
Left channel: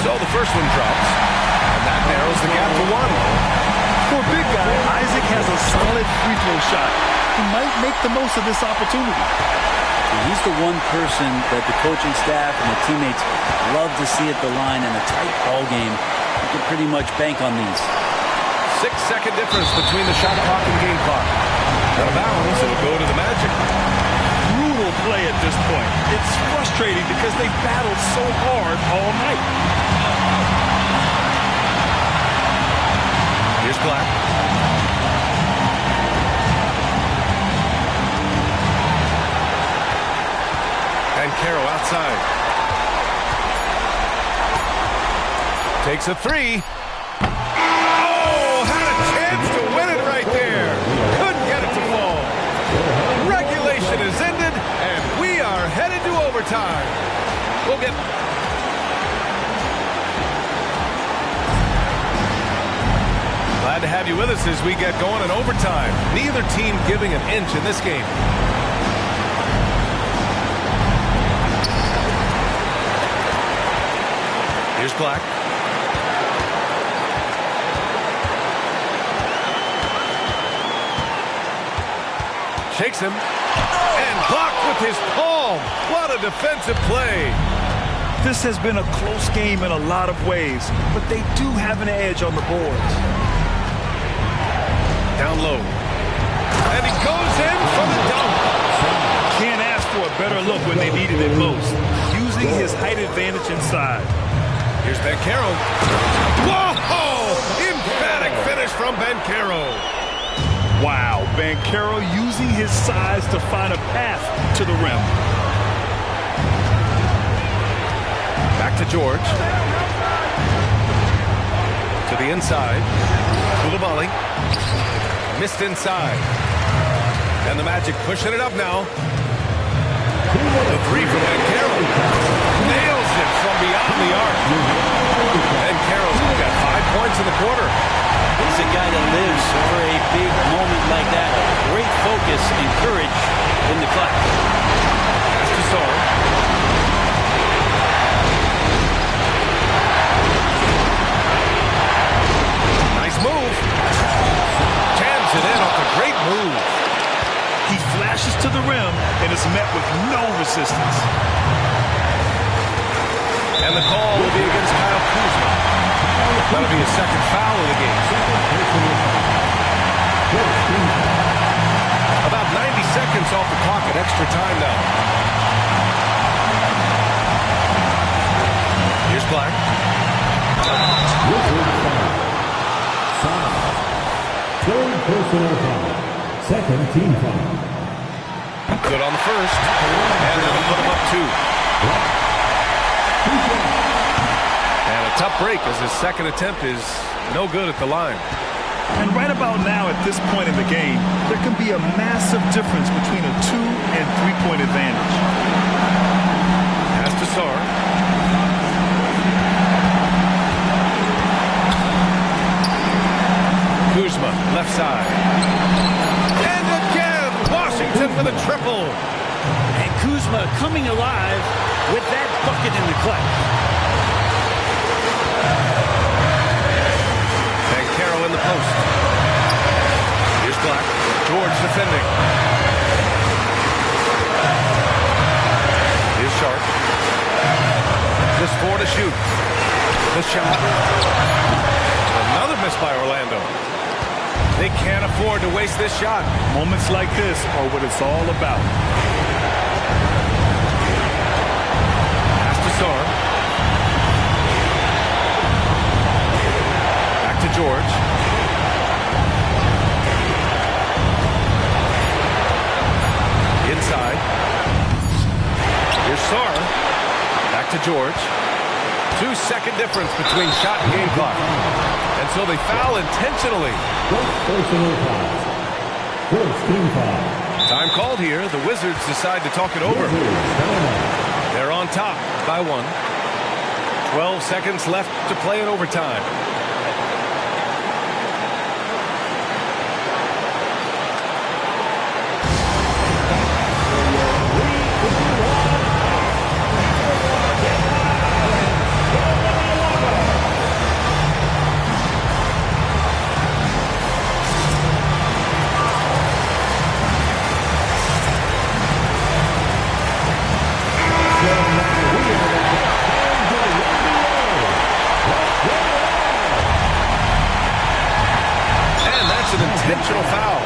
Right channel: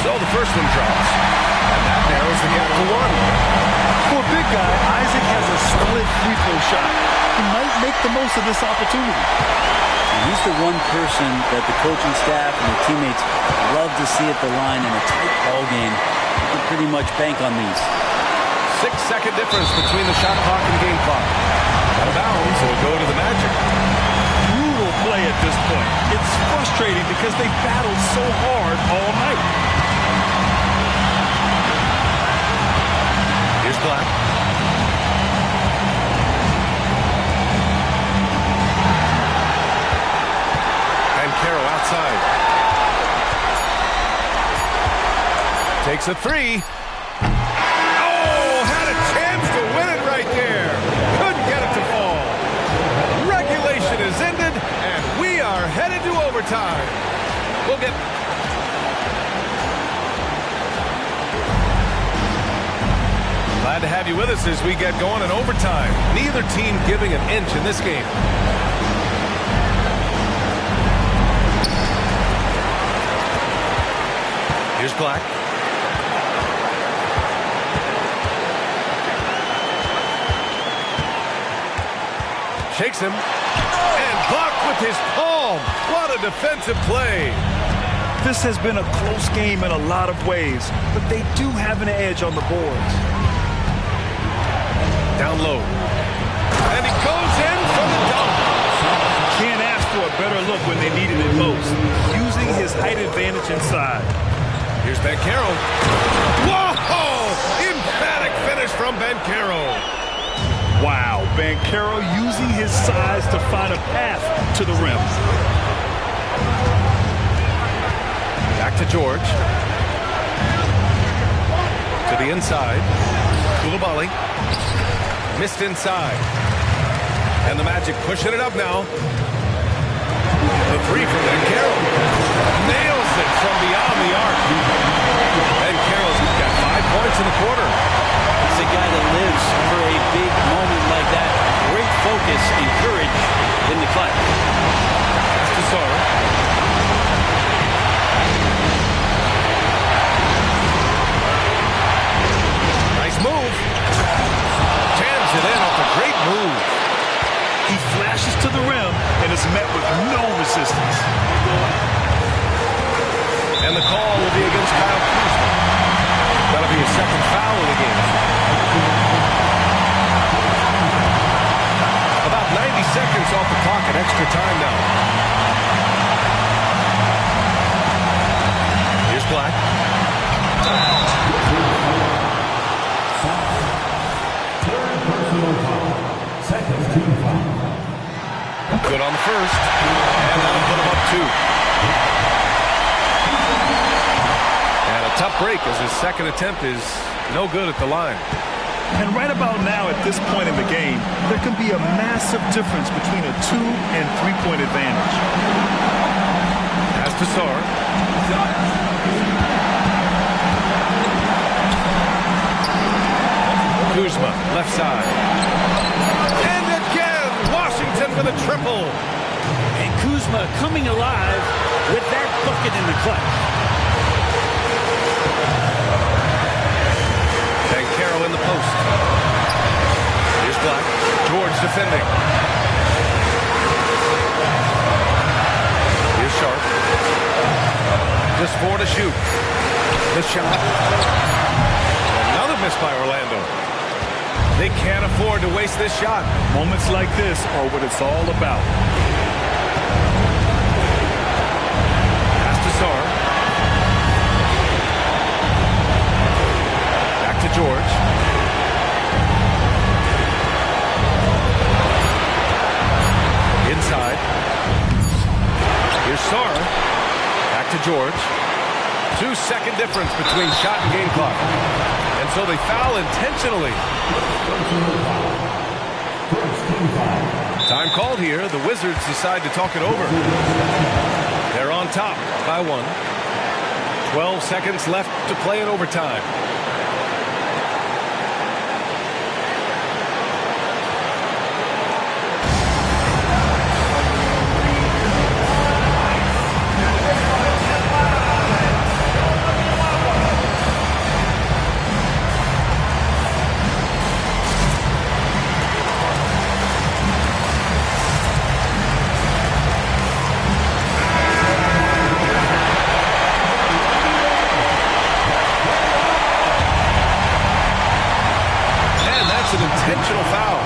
So the first one drops, and that narrows the gap to 1. For a big guy, Isaac has a solid free throw shot. He might make the most of this opportunity. He's the one person that the coaching staff and the teammates love to see at the line in a tight ball game. You can pretty much bank on these. 6-second difference between the shot clock and game clock. Out of bounds, it'll go to the Magic. Brutal play at this point. It's frustrating because they battled so hard all night. Here's Black. Banchero outside. Takes a 3. Oh, had a chance to win it right there. Couldn't get it to fall. Regulation is ended, and we are headed to overtime. We'll get... Glad to have you with us as we get going in overtime. Neither team giving an inch in this game. Here's Black. Shakes him. And blocked with his palm. What a defensive play. This has been a close game in a lot of ways, but they do have an edge on the boards. Down low. And he goes in for the dunk. Can't ask for a better look when they needed it most. Using his height advantage inside. Here's Banchero. Whoa! Emphatic finish from Banchero. Wow, Banchero using his size to find a path to the rim. Back to George. To the inside. Coulibaly. Missed inside. And the Magic pushing it up now. The 3 from Banchero. Nails it from beyond the arc. Banchero's got 5 points in the quarter. He's a guy that lives for a big moment like that. Great focus and courage in the clutch. Pass to Sarr. Nice move. Jams it in off a great move. He flashes to the rim and is met with no resistance. And the call will be against Kyle Kuzma. That'll be his second foul of the game. About 90 seconds off the clock at extra time now. Here's Black. Third personal foul. Second team foul. Good on the first. And that'll put him up 2. And a tough break as his second attempt is no good at the line. And right about now, at this point in the game, there can be a massive difference between a 2- and 3-point advantage. Pass to Sarr. Kuzma, left side. And again, Washington with a triple. And Kuzma coming alive with that bucket in the clutch. Banchero in the post. Here's Black. George defending. Here's Sharp. Just 4 to shoot. The shot. Another miss by Orlando. They can't afford to waste this shot. Moments like this are what it's all about. Pass to Sarr. Back to George. Inside. Here's Sarr. Back to George. 2-second difference between shot and game clock. And so they foul intentionally. First team foul. Time called here. The Wizards decide to talk it over. They're on top by 1. 12 seconds left to play in overtime. An intentional foul.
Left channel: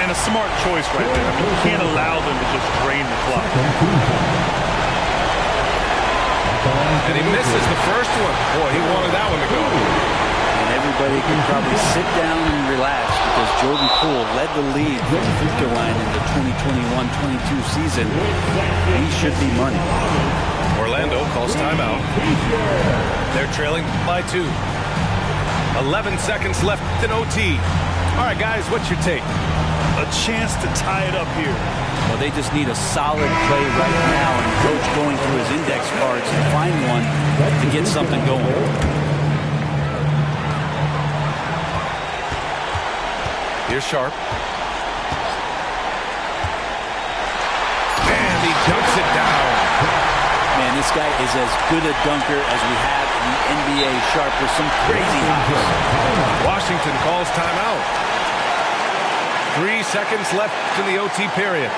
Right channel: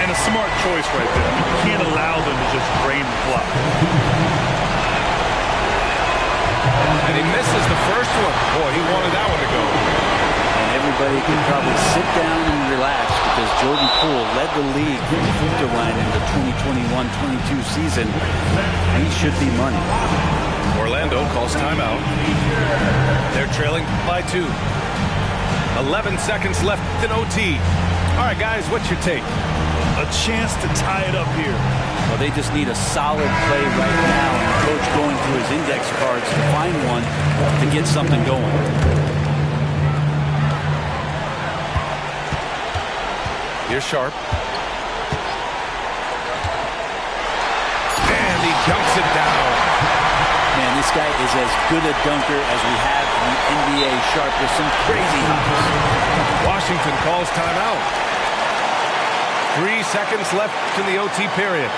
And a smart choice right there. I mean, you can't allow them to just drain the clock. And he misses the first one. Boy, he wanted that one to go. And everybody can probably sit down and relax because Jordan Poole led the league from the free-throw line in the 2021-22 season. He should be money. Orlando calls timeout. They're trailing by 2. 11 seconds left in OT. All right, guys, what's your take? A chance to tie it up here. Well, they just need a solid play right now, and Coach going through his index cards to find one to get something going. Here's Sharp. And he dunks it down. Man, this guy is as good a dunker as we have in the NBA. Sharp with some crazy hops. Washington calls timeout. 3 seconds left in the OT period.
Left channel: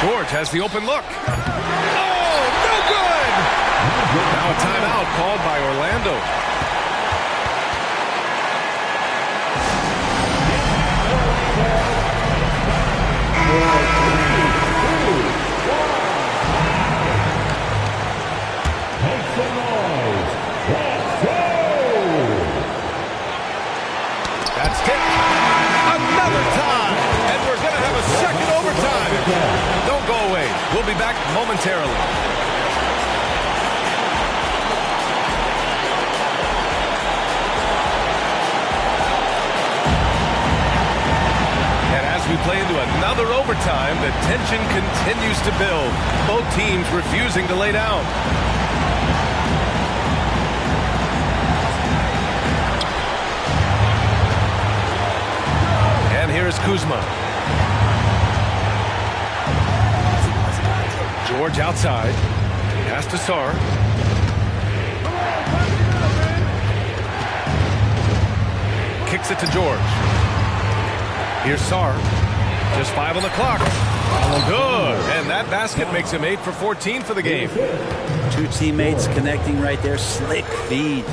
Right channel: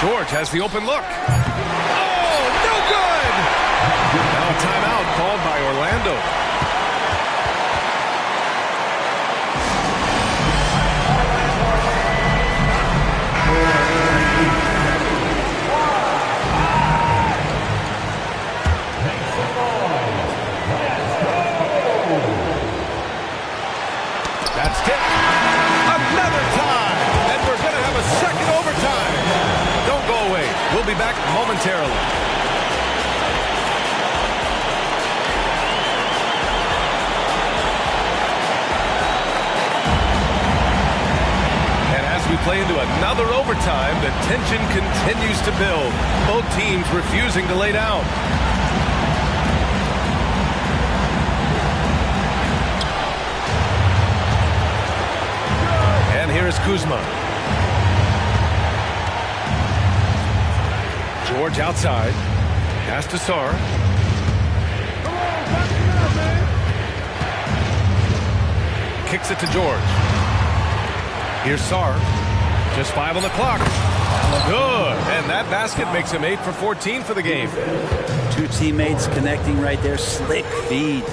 George has the open look. Oh, no good! Now a timeout called by Orlando. That's tipped. Another tie. And we're going to have a second overtime. Don't go away. We'll be back momentarily. And as we play into another overtime, the tension continues to build. Both teams refusing to lay down. And here is Kuzma. George outside. Pass to Sarr. Kicks it to George. Here's Sarr. Just 5 on the clock. Good. And that basket makes him 8 for 14 for the game. 2 teammates connecting right there. Slick feed.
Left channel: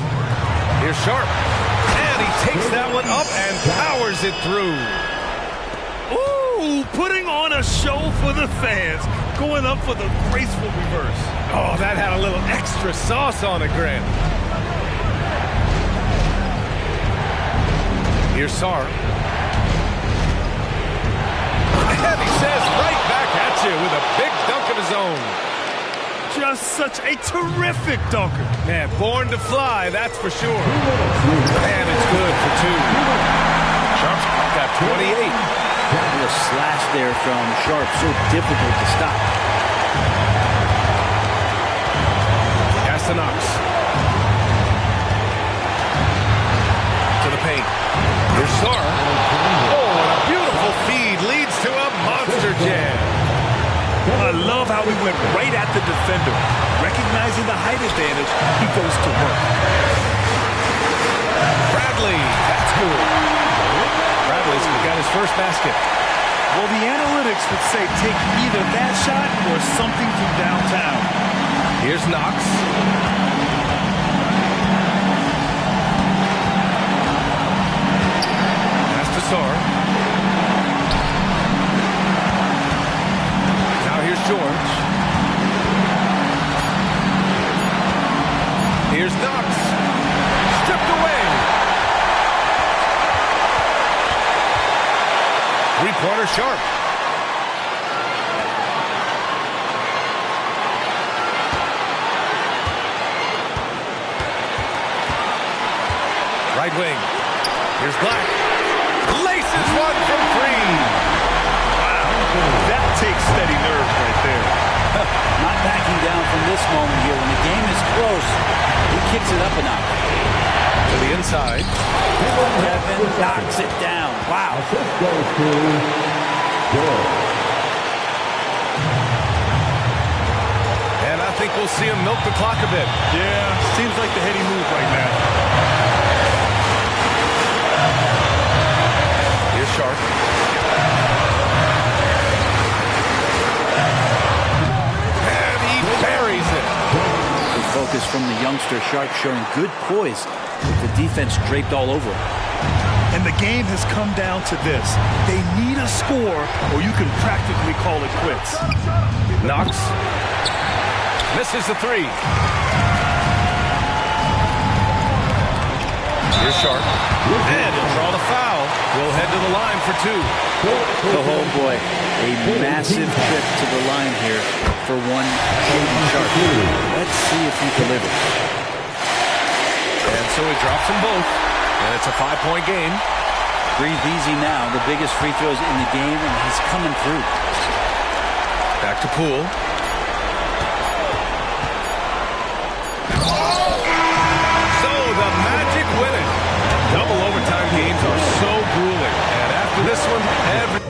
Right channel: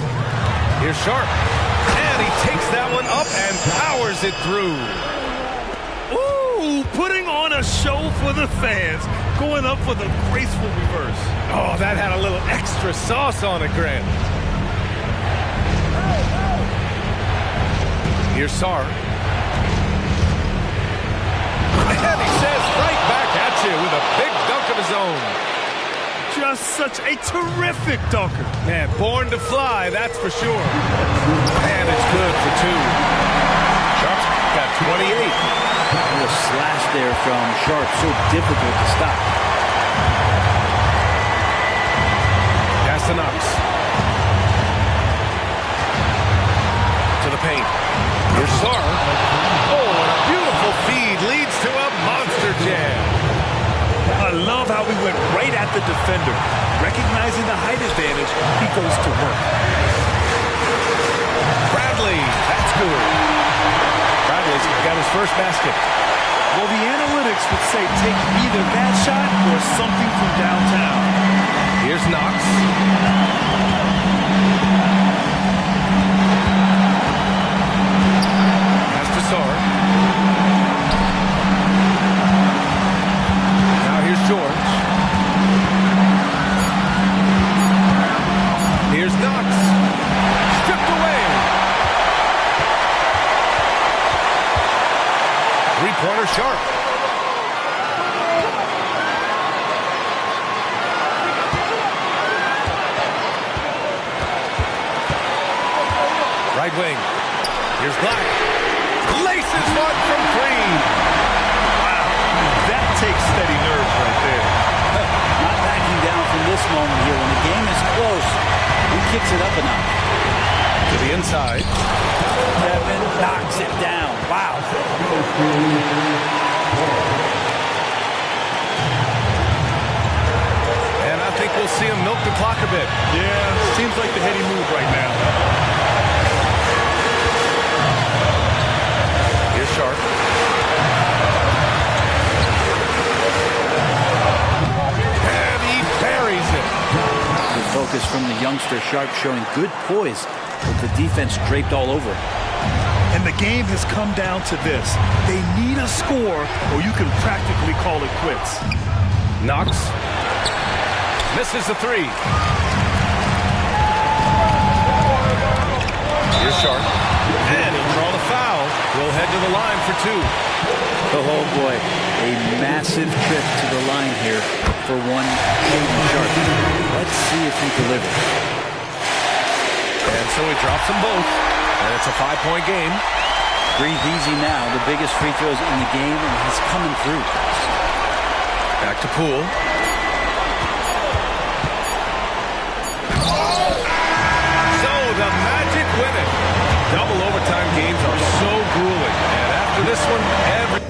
Here's Sharp. And And he takes that one up and powers it through. Ooh, putting on a show for the fans. Going up for the graceful reverse. Oh, that had a little extra sauce on it, Grant. Here's Sarr. And he says right back at you with a big dunk of his own. Just such a terrific dunker. Man, born to fly, that's for sure. And it's good for two. Sharp's got 28. A little slash there from Sharp, so difficult to stop. Pass to Knox. To the paint. Here's Sarr. Oh, and a beautiful feed leads to a monster jam. I love how he went right at the defender. Recognizing the height advantage, he goes to work. Bradley, that's good. Bradley's got his first basket. Well, the analytics would say take either that shot or something from downtown. Here's Knox. Pass to Sarr. Now here's George. Here's Knox. Stripped away. Three-pointer Sharp. Right wing. Here's Black. Laces one from three. Wow, that takes steady nerves right there. Not backing down from this moment here. When the game is close, he kicks it up a notch. To the inside. Kevin knocks it down. Wow. And I think we'll see him milk the clock a bit. Yeah, seems like the heady move right now. Here's Sharp. And he buries it. Good focus from the youngster. Sharp showing good poise with the defense draped all over him. And the game has come down to this. They need a score or you can practically call it quits. Knox. Misses the three. Here's Sharp. And he'll draw the foul. He'll head to the line for two. Oh boy, a massive trip to the line here for one Shaedon Sharp. Let's see if he delivers. And so he drops them both. And it's a 5-point game. Breathe easy now. The biggest free throws in the game, and he's coming through. Back to Poole. So the Magic win it. Double overtime games are so grueling. And after this one, every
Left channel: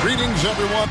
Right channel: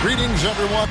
Greetings, everyone.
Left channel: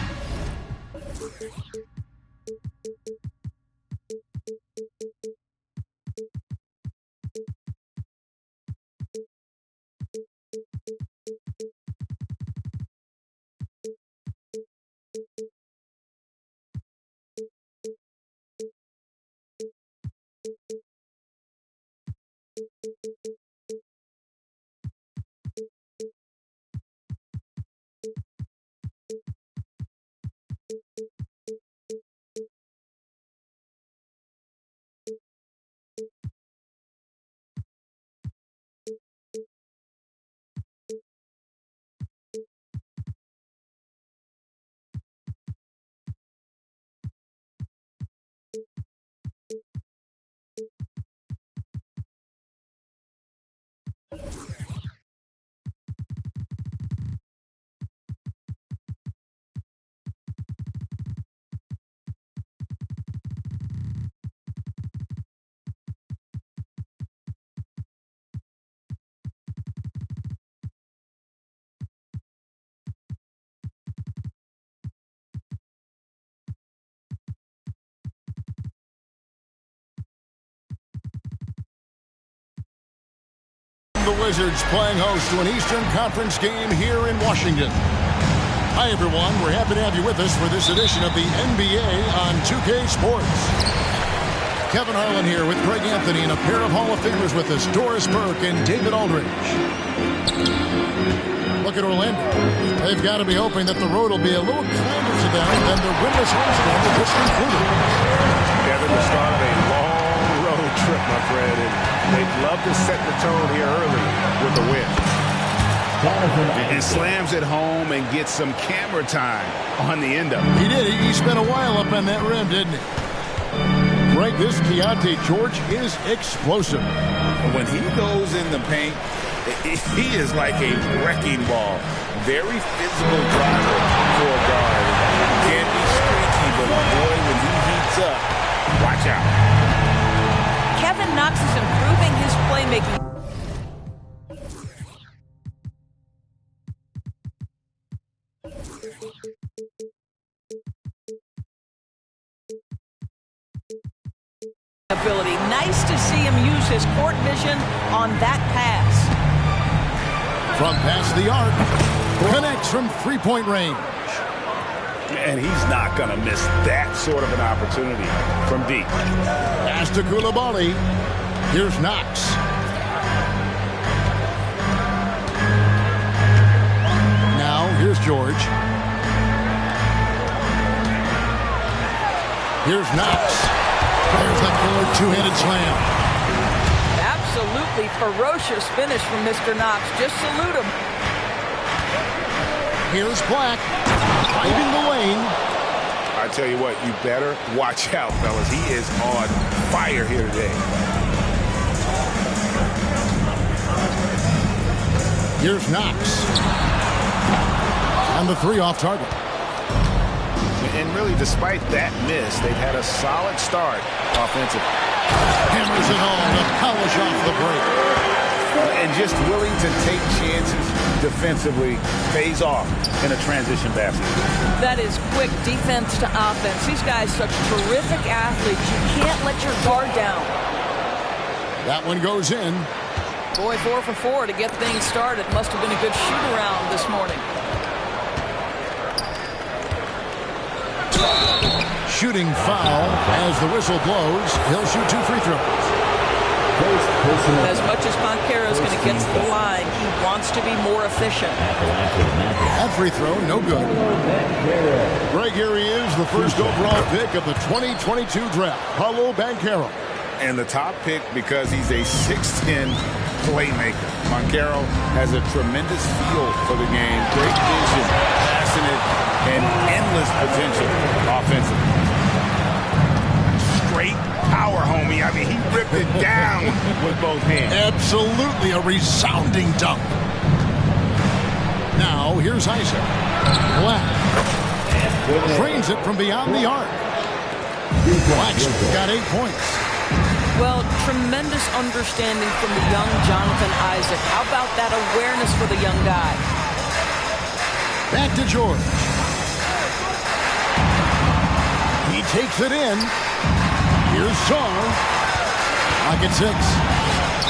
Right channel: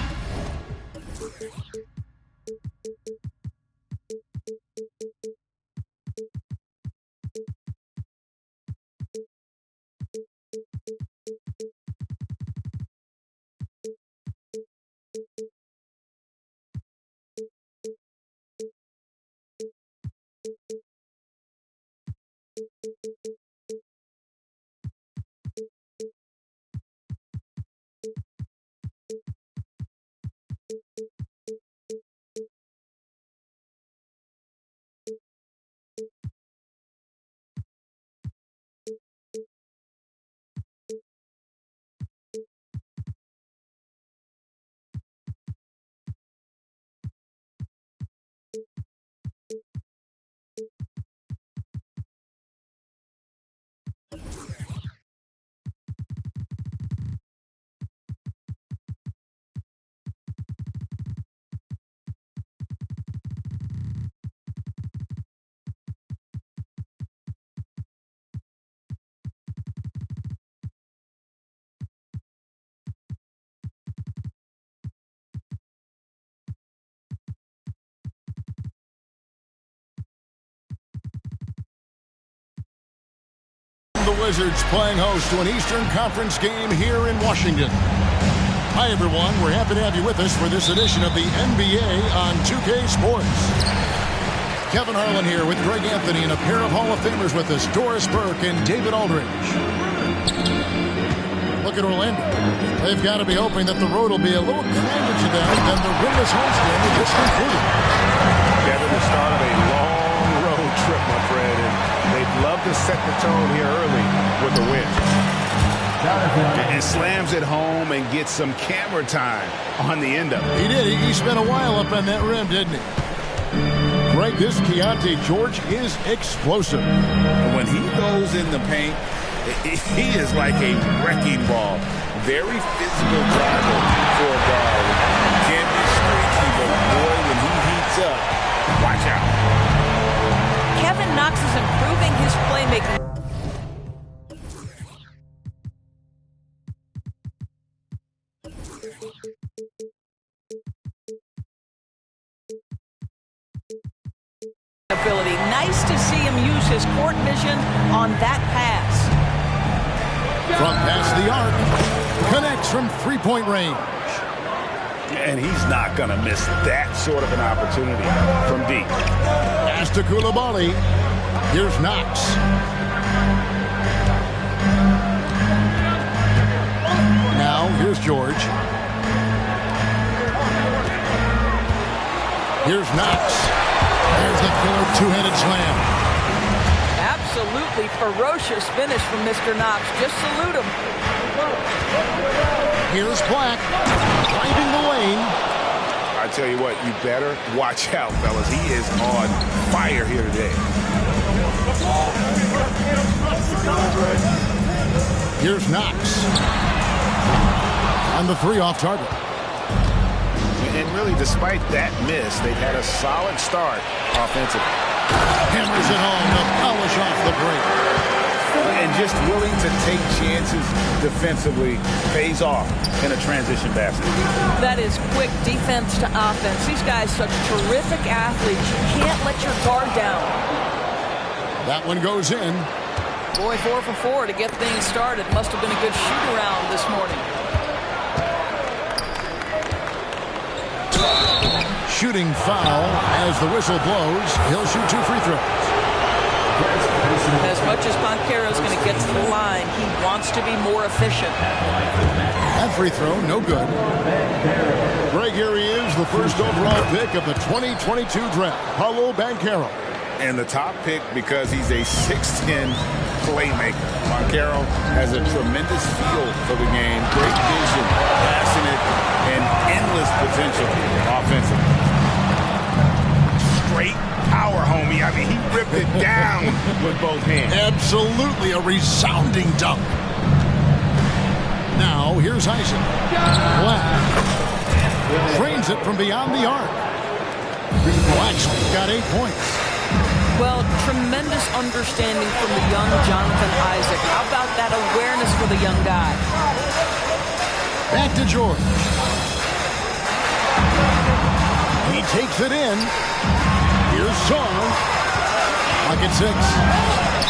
The Wizards playing host to an Eastern Conference game here in Washington. Hi, everyone. We're happy to have you with us for this edition of the NBA on 2K Sports. Kevin Harlan here with Greg Anthony and a pair of Hall of Famers with us, Doris Burke and David Aldridge. Look at Orlando. They've got to be hoping that the road will be a little kinder to them than their winless homestand they just concluded. Kevin, the start of a long road trip, my friend, and they'd love to set the tone here early with a win. And slams it home and gets some camera time on the end of it. He did. He spent a while up on that rim, didn't he? Greg, this Keontae George is explosive. And when he goes in the paint, he is like a wrecking ball. Very physical driver for a guard. Can be streaky, but boy, when he heats up, watch out. Kevin Knox is improving his playmaking. Ability. Nice to see him use his court vision on that pass. From past the arc, connects from three-point range. And he's not going to miss that sort of an opportunity from deep. Pass to Coulibaly. Here's Knox. Now, here's George. Here's Knox. There's the killer two-handed slam. Absolutely ferocious finish from Mr. Knox. Just salute him. Here's Black, driving the lane. I tell you what, you better watch out, fellas. He is on fire here today. Here's Knox. And the three off target. And really, despite that miss, they've had a solid start offensively. Hammers it home to polish off the break. And just willing to take chances defensively pays off in a transition basket. That is quick defense to offense. These guys such terrific athletes. You can't let your guard down. That one goes in. Boy, 4 for 4 to get things started. Must have been a good shoot-around this morning. Shooting foul as the whistle blows. He'll shoot 2 free throws. As much as Banchero is going to get to the line, he wants to be more efficient. That free throw, no good. Greg, here he is, the first overall pick of the 2022 draft, Paolo Banchero. And the top pick because he's a 6'10 playmaker. Banchero has a tremendous feel for the game, great vision, passionate, and endless potential offensively. Straight power, homie. I mean, he ripped it down with both hands. Absolutely a resounding dunk. Now, here's Isaac. Black trains it from beyond the arc. Black's got 8 points. Well, tremendous understanding from the young Jonathan Isaac. How about that awareness for the young guy? Back to George. He takes it in. Here's Song. Lock at 6.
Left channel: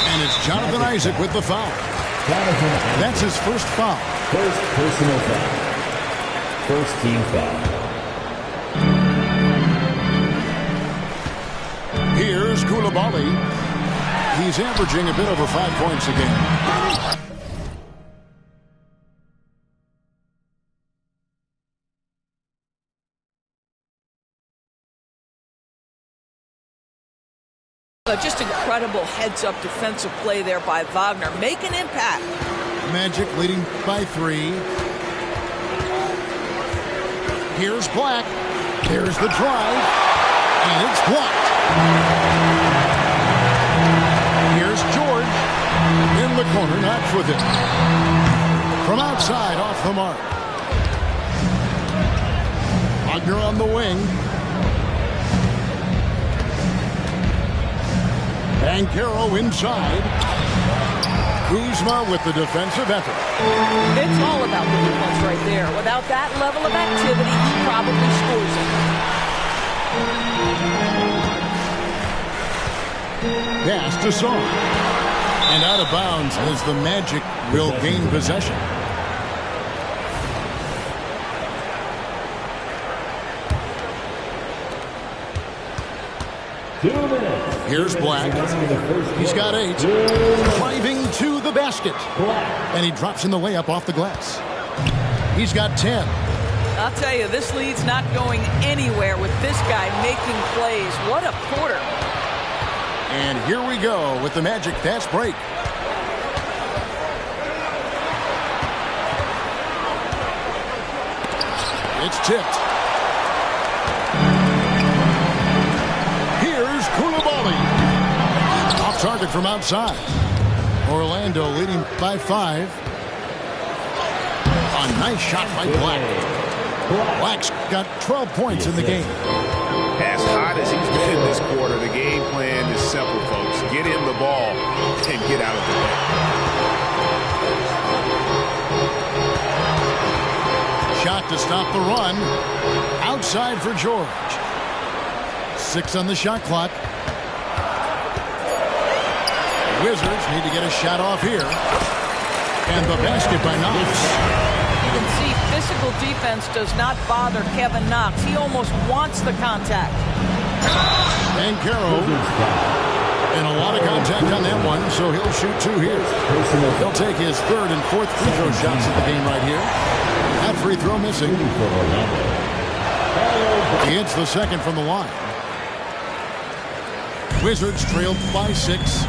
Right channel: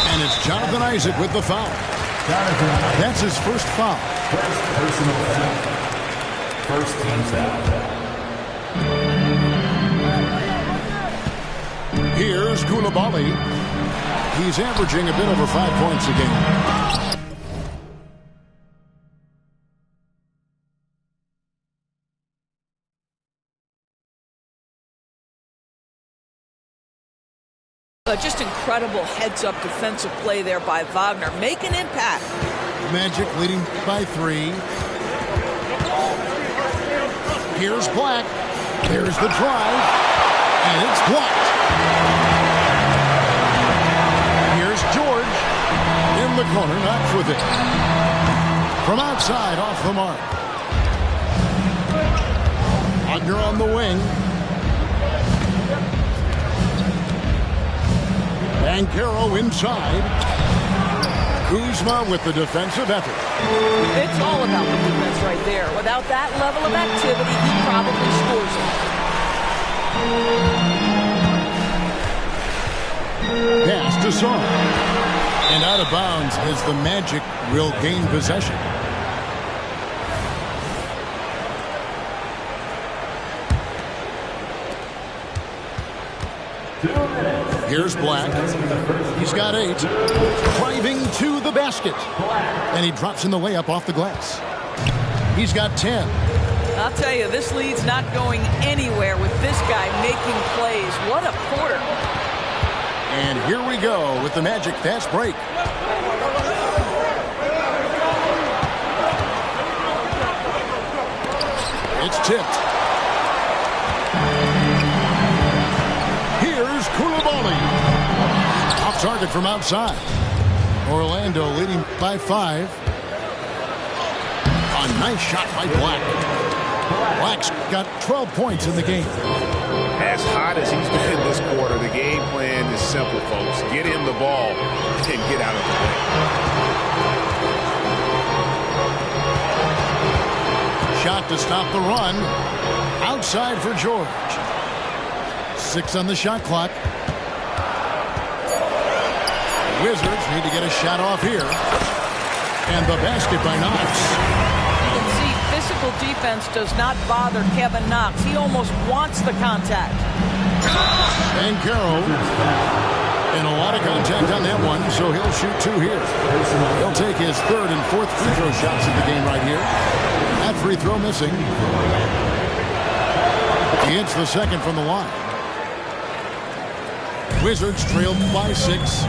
And it's Jonathan Isaac with the foul. That's his first foul. First personal foul. First team foul. Here's Coulibaly. He's averaging a bit over 5 points a game. Just incredible heads-up defensive play there by Wagner. Make an impact. Magic leading by 3. Here's Black. There's the drive. And it's blocked. Here's George. In the corner, Knox with it. From outside, off the mark. Wagner on the wing. Banchero inside. Kuzma with the defensive effort. It's all about the defense right there. Without that level of activity, he probably scores it. Pass to Song. And out of bounds as the Magic will gain possession. Here's Black. He's got 8. Driving to the basket. And he drops in the layup off the glass. He's got 10. I'll tell you, this lead's not going anywhere with this guy making plays. What a quarter. And here we go with the Magic fast break. It's tipped. Here's Coulibaly. Off target from outside. Orlando leading by 5. A nice shot by Black. Black's got 12 points in the game. As hot as he's been this quarter, the game plan is simple, folks. Get him the ball and get out of the way. Shot to stop the run. Outside for George. 6 on the shot clock. The Wizards need to get a shot off here. And the basket by Knox. You can see physical defense does not bother Kevin Knox. He almost wants the contact. Banchero. And a lot of contact on that one, so he'll shoot 2 here. He'll take his 3rd and 4th free throw shots of the game right here. That free throw missing. He hits the 2nd from the line. Wizards trailed by 6.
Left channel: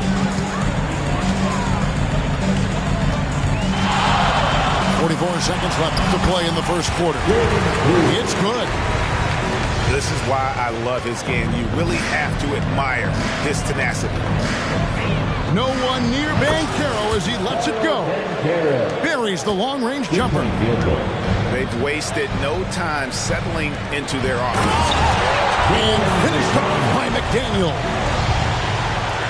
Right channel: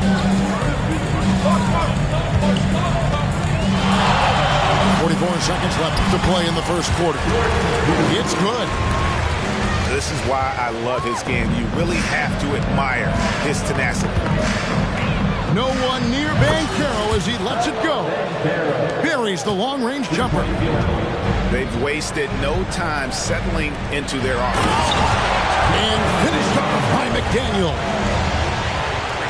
.44 seconds left to play in the first quarter. It's good. This is why I love his game. You really have to admire his tenacity. No one near Banchero as he lets it go. Buries the long-range jumper. They've wasted no time settling into their offense. And finished off by McDaniel.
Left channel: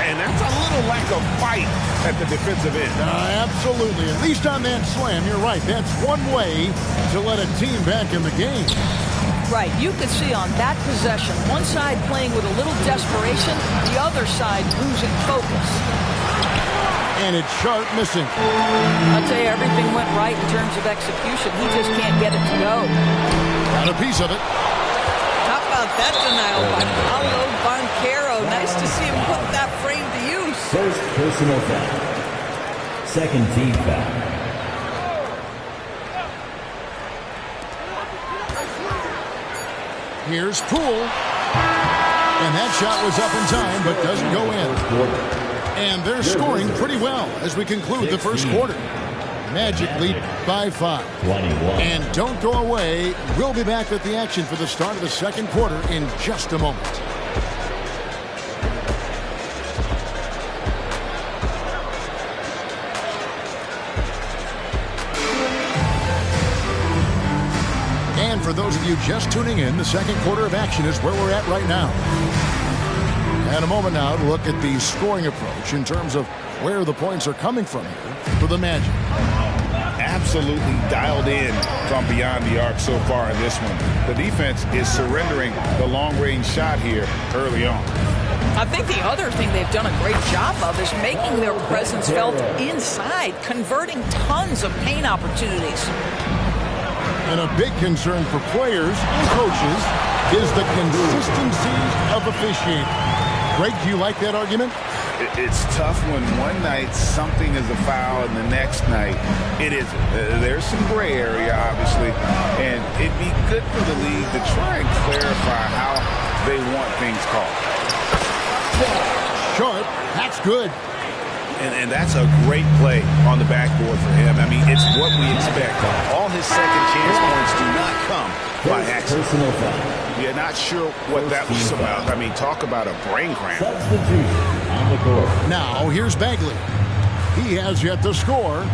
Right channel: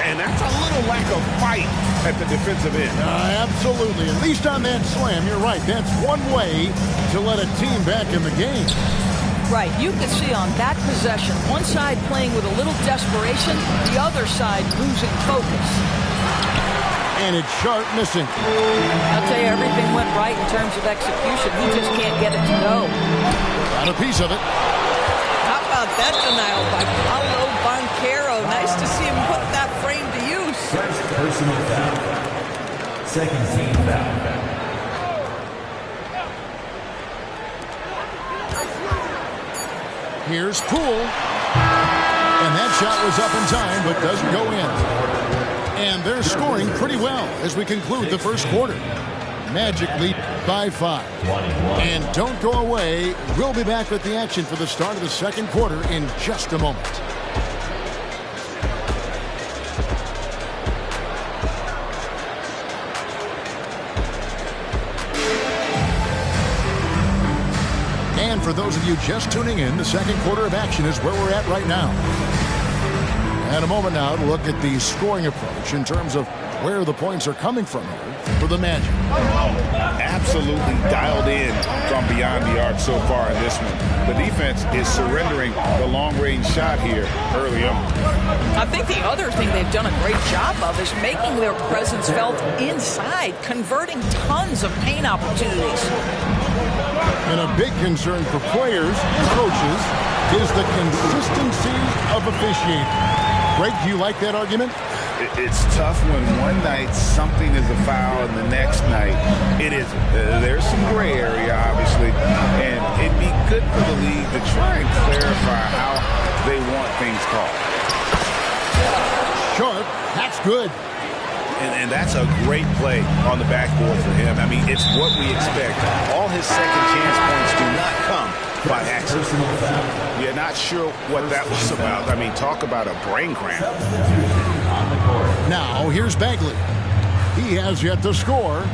And that's a little lack of fight at the defensive end. Absolutely. At least on that slam, you're right. That's one way to let a team back in the game. Right. You could see on that possession, one side playing with a little desperation, the other side losing focus. And it's Sharp missing. I'll tell you, everything went right in terms of execution. He just can't get it to go. Got a piece of it. How about that denial by Paolo Banchero? Nice to see him put that frame to use. First personal foul. Second team foul. Here's Poole. And that shot was up in time, but doesn't go in. And they're scoring pretty well as we conclude the first quarter. Magic lead by 5. 21. And don't go away. We'll be back with the action for the start of the second quarter in just a moment. And for those of you just tuning in, the second quarter of action is where we're at right now. And a moment now to look at the scoring approach in terms of where the points are coming from here for the Magic. Absolutely dialed in from beyond the arc so far in this one. The defense is surrendering the long-range shot here early on. I think the other thing they've done a great job of is making their presence felt inside, converting tons of paint opportunities. And a big concern for players and coaches is the consistency of officiating. Greg, do you like that argument? It's tough when one night something is a foul and the next night it isn't. There's some gray area, obviously, and it'd be good for the league to try and clarify how they want things called. Sharp, that's good. And that's a great play on the backboard for him. I mean, it's what we expect. All his second chance points do not come by accident. Yeah, not sure what that was about. I mean, talk about a brain cramp. Now, here's Bagley. He has yet to score.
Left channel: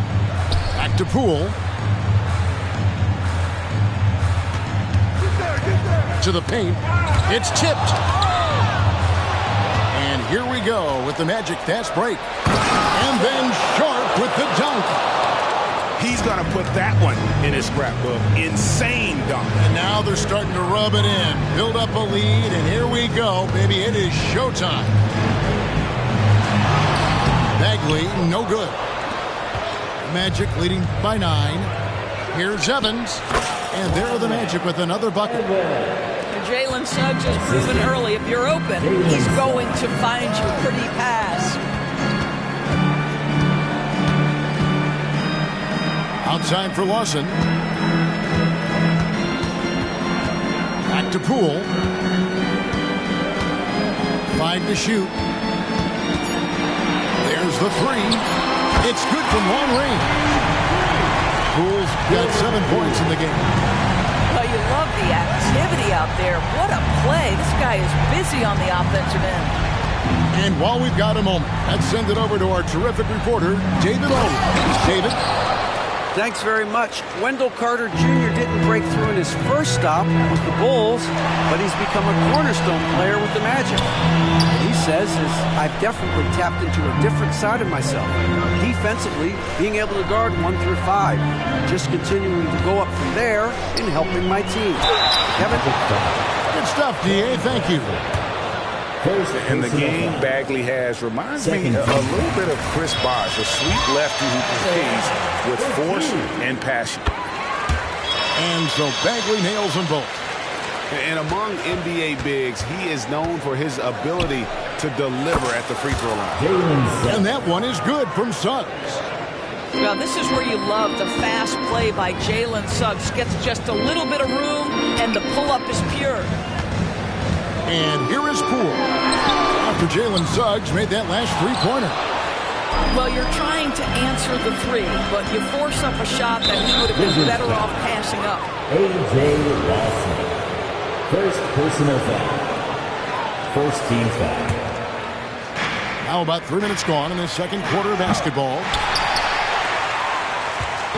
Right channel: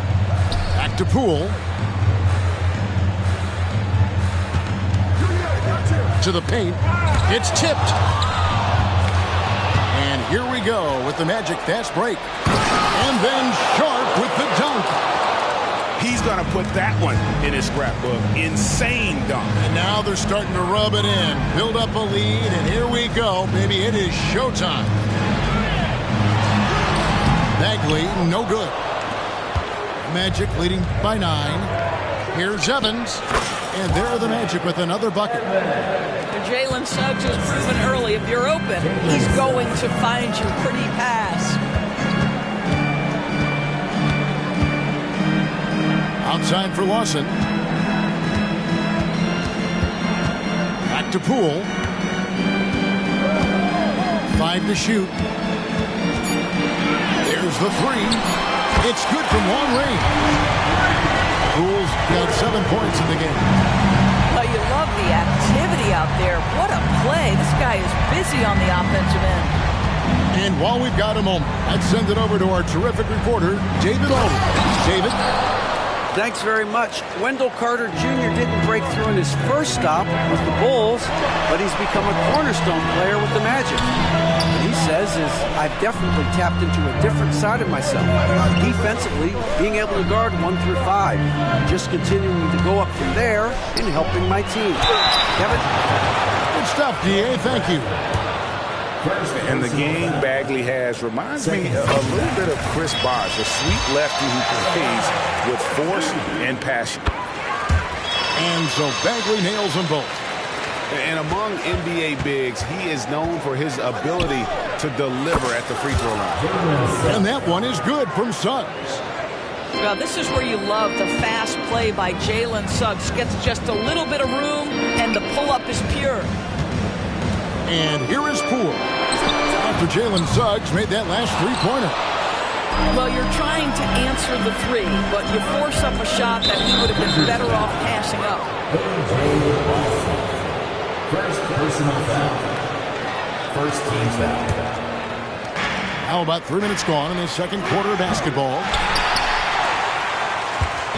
Back to Poole. To the paint. It's tipped. And here we go with the Magic fast break. And then Sharp with the dunk. He's going to put that one in his scrapbook. Insane dunk. And now they're starting to rub it in. Build up a lead, and here we go, baby. It is showtime. Bagley, no good. Magic leading by 9. Here's Evans. And there are the Magic with another bucket. Jalen Suggs has proven early, if you're open, he's going to find you pretty pass. Outside for Lawson. Back to Poole. 5 to shoot. There's the 3. It's good from long range. Poole's got 7 points in the game. Well, you love the activity out there. What a play. This guy is busy on the offensive end. And while we've got a moment, let's send it over to our terrific reporter, David Aldridge. David? Thanks very much. Wendell Carter Jr. didn't break through in his first stop with the Bulls, but he's become a cornerstone player with the Magic. What he says is, I've definitely tapped into a different side of myself. Defensively, being able to guard 1 through 5. Just continuing to go up from there and helping my team. Kevin? Good stuff, D.A. Thank you. And the game Bagley has reminds me a little bit of Chris Bosh, a sweet lefty who plays with force and passion. And so Bagley nails them both. And among NBA bigs, he is known for his ability to deliver at the free throw line. And that one is good from Suggs. Well, this is where you love the fast play by Jalen Suggs. Gets just a little bit of room, and the pull-up is pure. And here is Poole. After Jalen Suggs made that last three-pointer. Well, you're trying to answer the 3, but you force up a shot that he would have been better off passing up. A.J. Lawson. First personal foul. First team foul. Now about 3 minutes gone in the second quarter of basketball.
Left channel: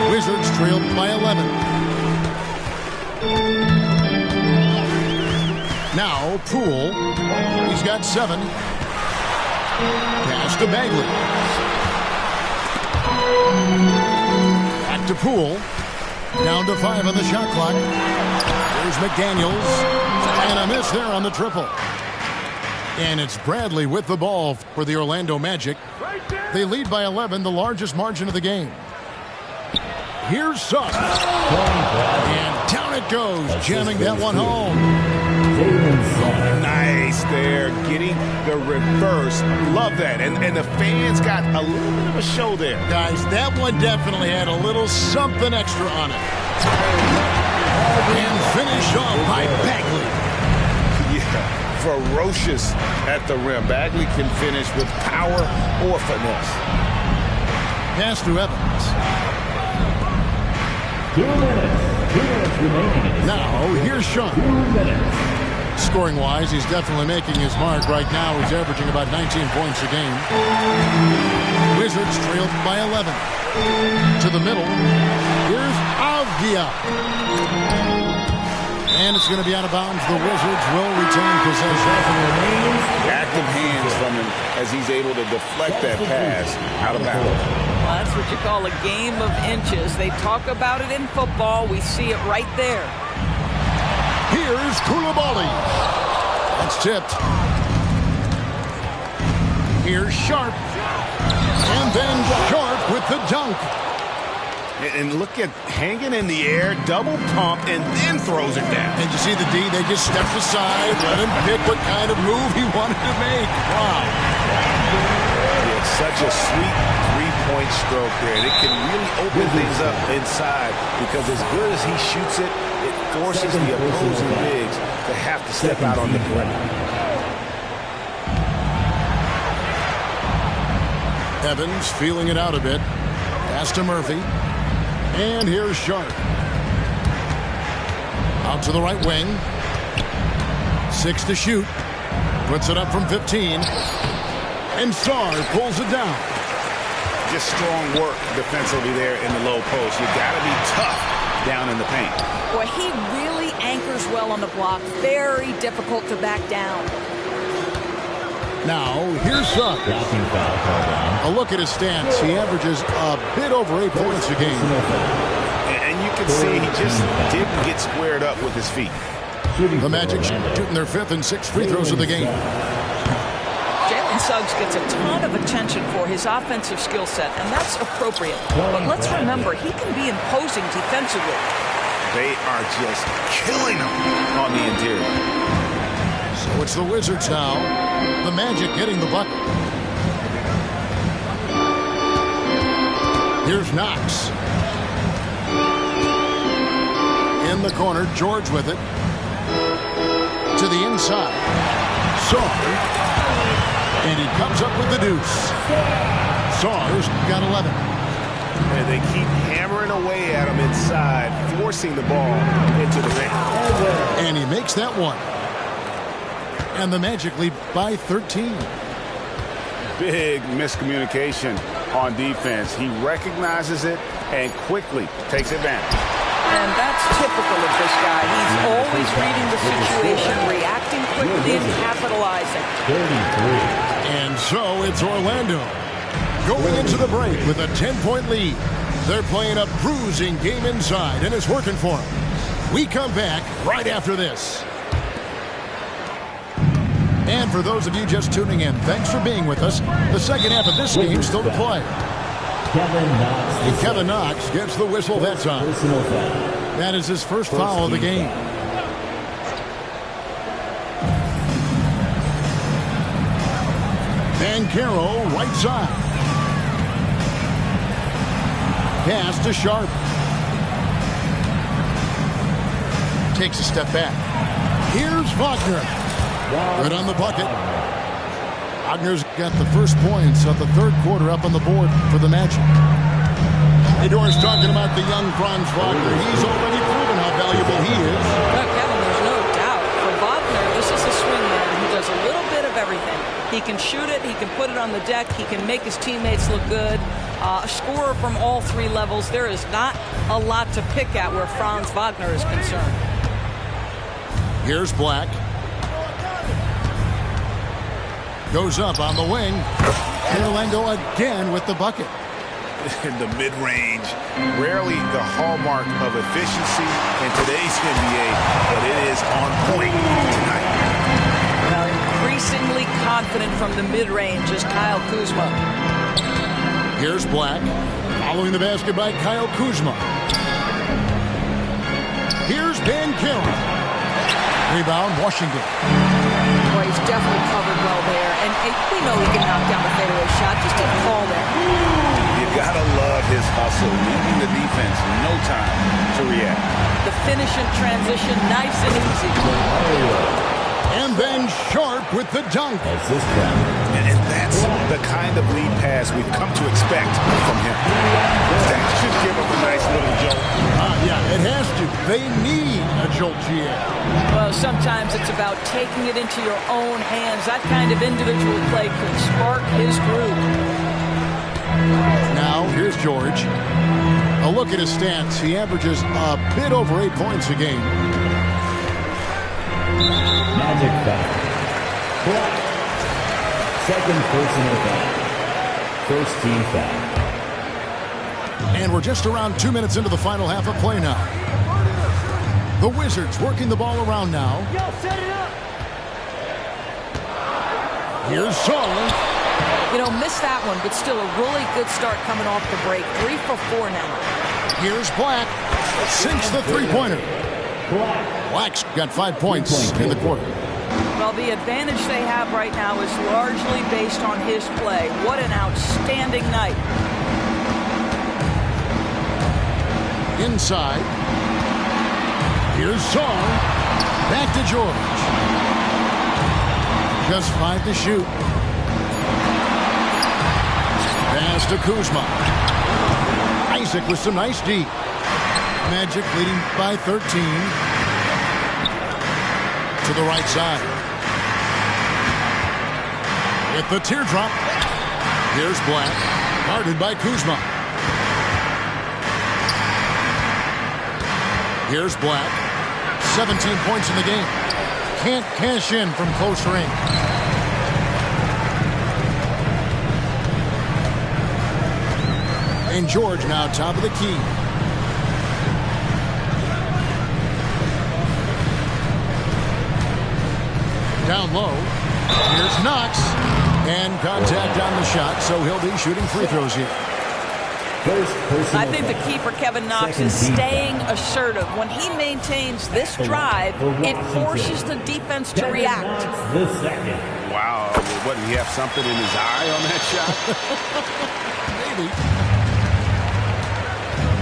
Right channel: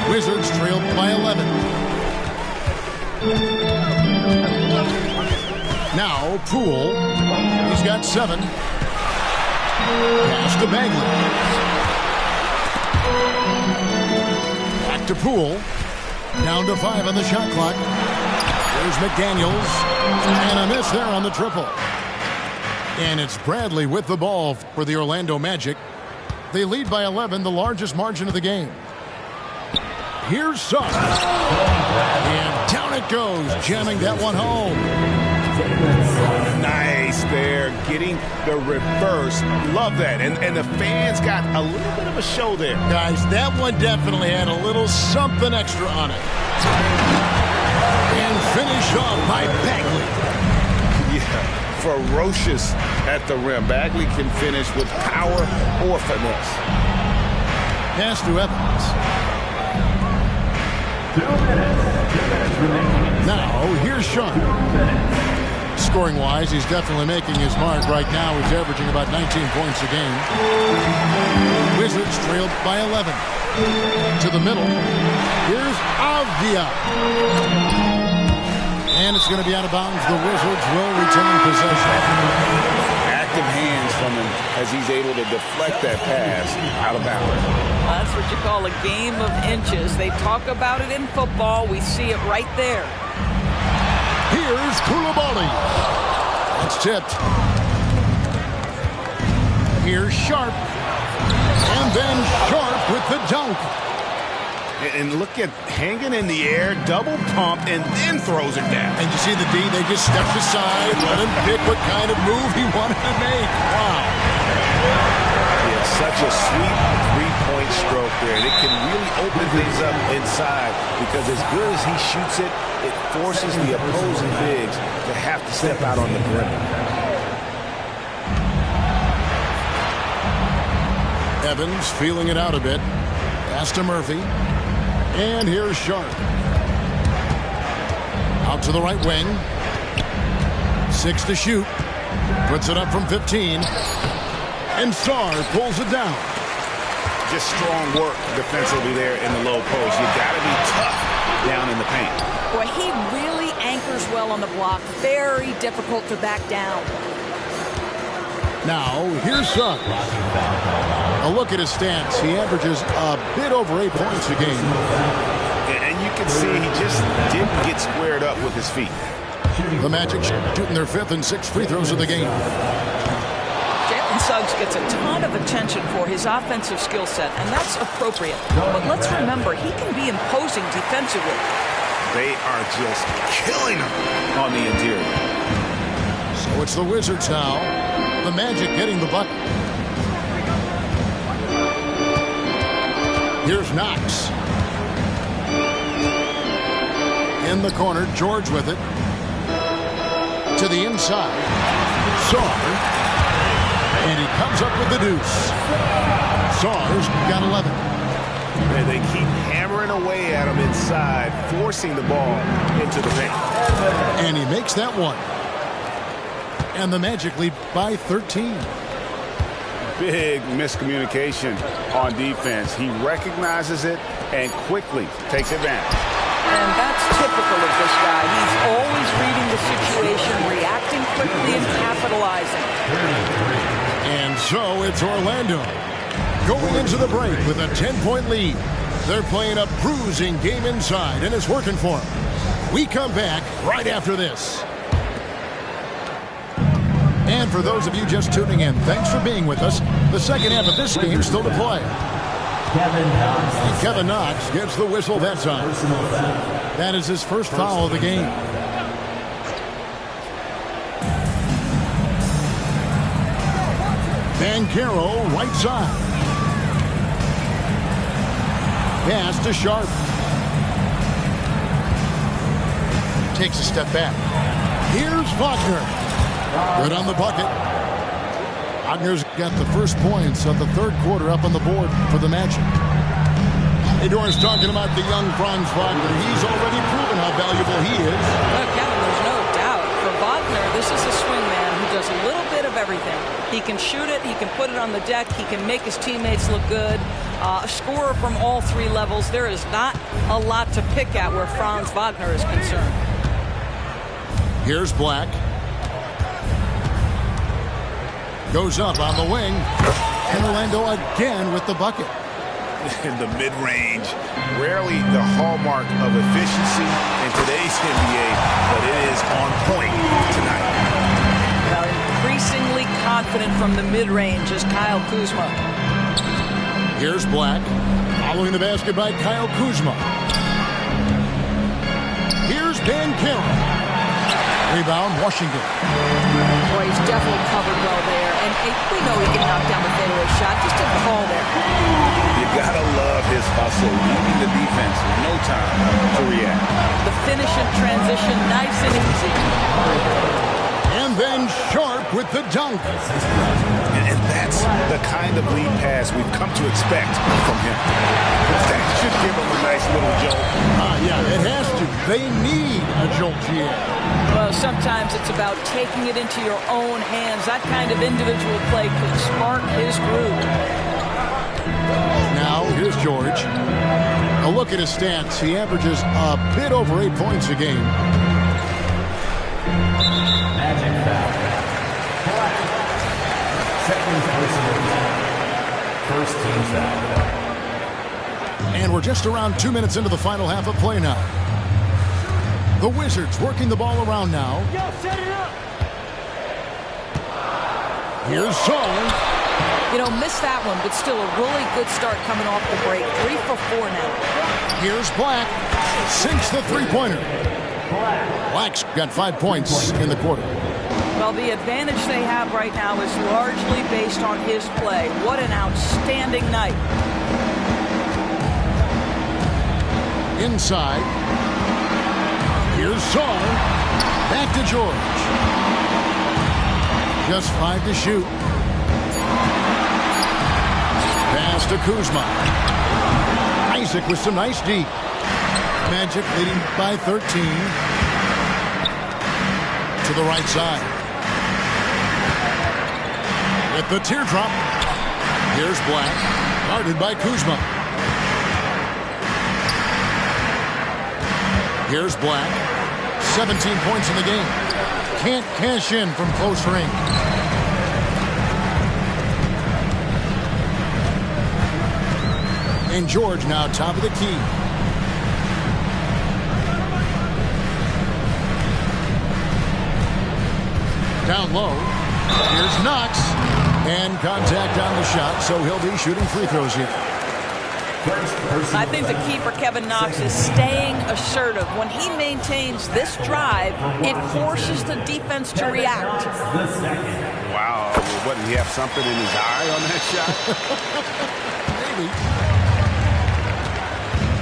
Wizards trailed by 11. Now Poole. He's got 7. Pass to Bagley. Back to Poole. Down to 5 on the shot clock. There's McDaniels. And a miss there on the triple. And it's Bradley with the ball for the Orlando Magic. They lead by 11, the largest margin of the game. Here's Suggs. And down it goes, jamming that one home. Nice there, getting the reverse. Love that. And the fans got a little bit of a show there. Guys, that one definitely had a little something extra on it. And finish off by Bagley. Yeah, ferocious at the rim. Bagley can finish with power or finesse. Pass to Evans. 2 minutes. 2 minutes remaining. Now, here's Sean. 2 minutes. Scoring-wise, he's definitely making his mark. Right now, he's averaging about 19 points a game. Wizards trailed by 11. To the middle. Here's Avdia. And it's going to be out of bounds. The Wizards will retain possession. active hands from him as he's able to deflect that pass out of bounds. Well, that's what you call a game of inches. They talk about it in football. We see it right there. Here's Koulibaly. That's tipped. Here's Sharp. And then Sharp with the dunk. And look at hanging in the air, double pump, and then throws it down. And you see the D, they just stepped aside, let him pick what kind of move he wanted to make. Wow. Yeah, such a sweet three-point stroke there. And it can really open things up inside because as good as he shoots it, it forces the opposing bigs to have to step out on the perimeter. Evans feeling it out a bit. Pass to Murphy. And here's Sharp. Out to the right wing. 6 to shoot. Puts it up from 15. And Sarr pulls it down. Just strong work defensively there in the low post. You got to be tough down in the paint. Boy, he really anchors well on the block. Very difficult to back down. Now, here's Suggs. A look at his stats. He averages a bit over 8 points a game. And you can see he just didn't get squared up with his feet. The Magic shooting their 5th and 6th free throws of the game. Jalen Suggs gets a ton of attention for his offensive skill set, and that's appropriate. But let's remember, he can be imposing defensively. They are just killing him on the interior. So it's the Wizards now. The Magic getting the bucket. Here's Knox. In the corner, George with it. To the inside. Sarr. And he comes up with the deuce. Sarr's got 11. And they keep hammering away at him inside, forcing the ball into the paint. And he makes that one. And the Magic lead by 13. Big miscommunication on defense. He recognizes it and quickly takes advantage. And that's typical of this guy. He's always reading the situation, reacting quickly, and capitalizing. 33. And so it's Orlando going into the break with a 10-point lead. They're playing a bruising game inside, and it's working for them. We come back right after this. And for those of you just tuning in, thanks for being with us. The second half of this game still to play. And Kevin Knox gets the whistle that time. That is his first foul of the game. Banchero, right side. Pass to Sharp. Takes a step back. Here's Wagner. Good on the bucket. Wagner's got the first points of the third quarter up on the board for the Magic. Hey, Doris, talking about the young Franz Wagner. He's already proven how valuable he is. Well, Kevin, there's no doubt. For Wagner, this is a swing man who does a little bit of everything. He can shoot it. He can put it on the deck. He can make his teammates look good. A scorer from all three levels. There is not a lot to pick at where Franz Wagner is concerned. Here's Black. Goes up on the wing. And Orlando again with the bucket. In the mid-range, rarely the hallmark of efficiency in today's NBA, but it is on point tonight. Now, increasingly confident from the mid-range is Kyle Kuzma. Here's Black. Following the basket by Kyle Kuzma. Here's Banchero. Rebound, Washington. Boy, he's definitely covered well there. And we know he can knock down the fadeaway shot. Just didn't fall there. You gotta love his hustle, leaving the defense no time to react. The finish and transition, nice and easy. And then Sharp with the dunk. And that's the kind of lead pass we've come to expect from him. That should give him a nice little jolt. Yeah, it has to. They need a jolt, GA. Well, sometimes it's about taking it into your own hands. That kind of individual play could spark his groove. Now, here's George. A look at his stats. He averages a bit over 8 points a game. Magic foul. Second personal foul. First team foul. And we're just around 2 minutes into the final half of play now. The Wizards working the ball around now. Yo, set it up. Here's Song. You know, missed that one, but still a really good start coming off the break. 3 for 4 now. Here's Black. Sinks the three-pointer. Black's got 5 points in the quarter. Well, the advantage they have right now is largely based on his play. What an outstanding night. Inside. Here's Song. Back to George. Just 5 to shoot. Pass to Kuzma. Isaac with some nice D. Magic leading by 13. To the right side. With the teardrop. Here's Black. Guarded by Kuzma. Here's Black. 17 points in the game. Can't cash in from close range. And George now top of the key. Down low. Here's Knox. And contact on the shot, so he'll be shooting free throws here. I think the key for Kevin Knox is staying assertive. When he maintains this drive, it forces the defense to react. Wow. What, did he have something in his eye on that shot? Maybe.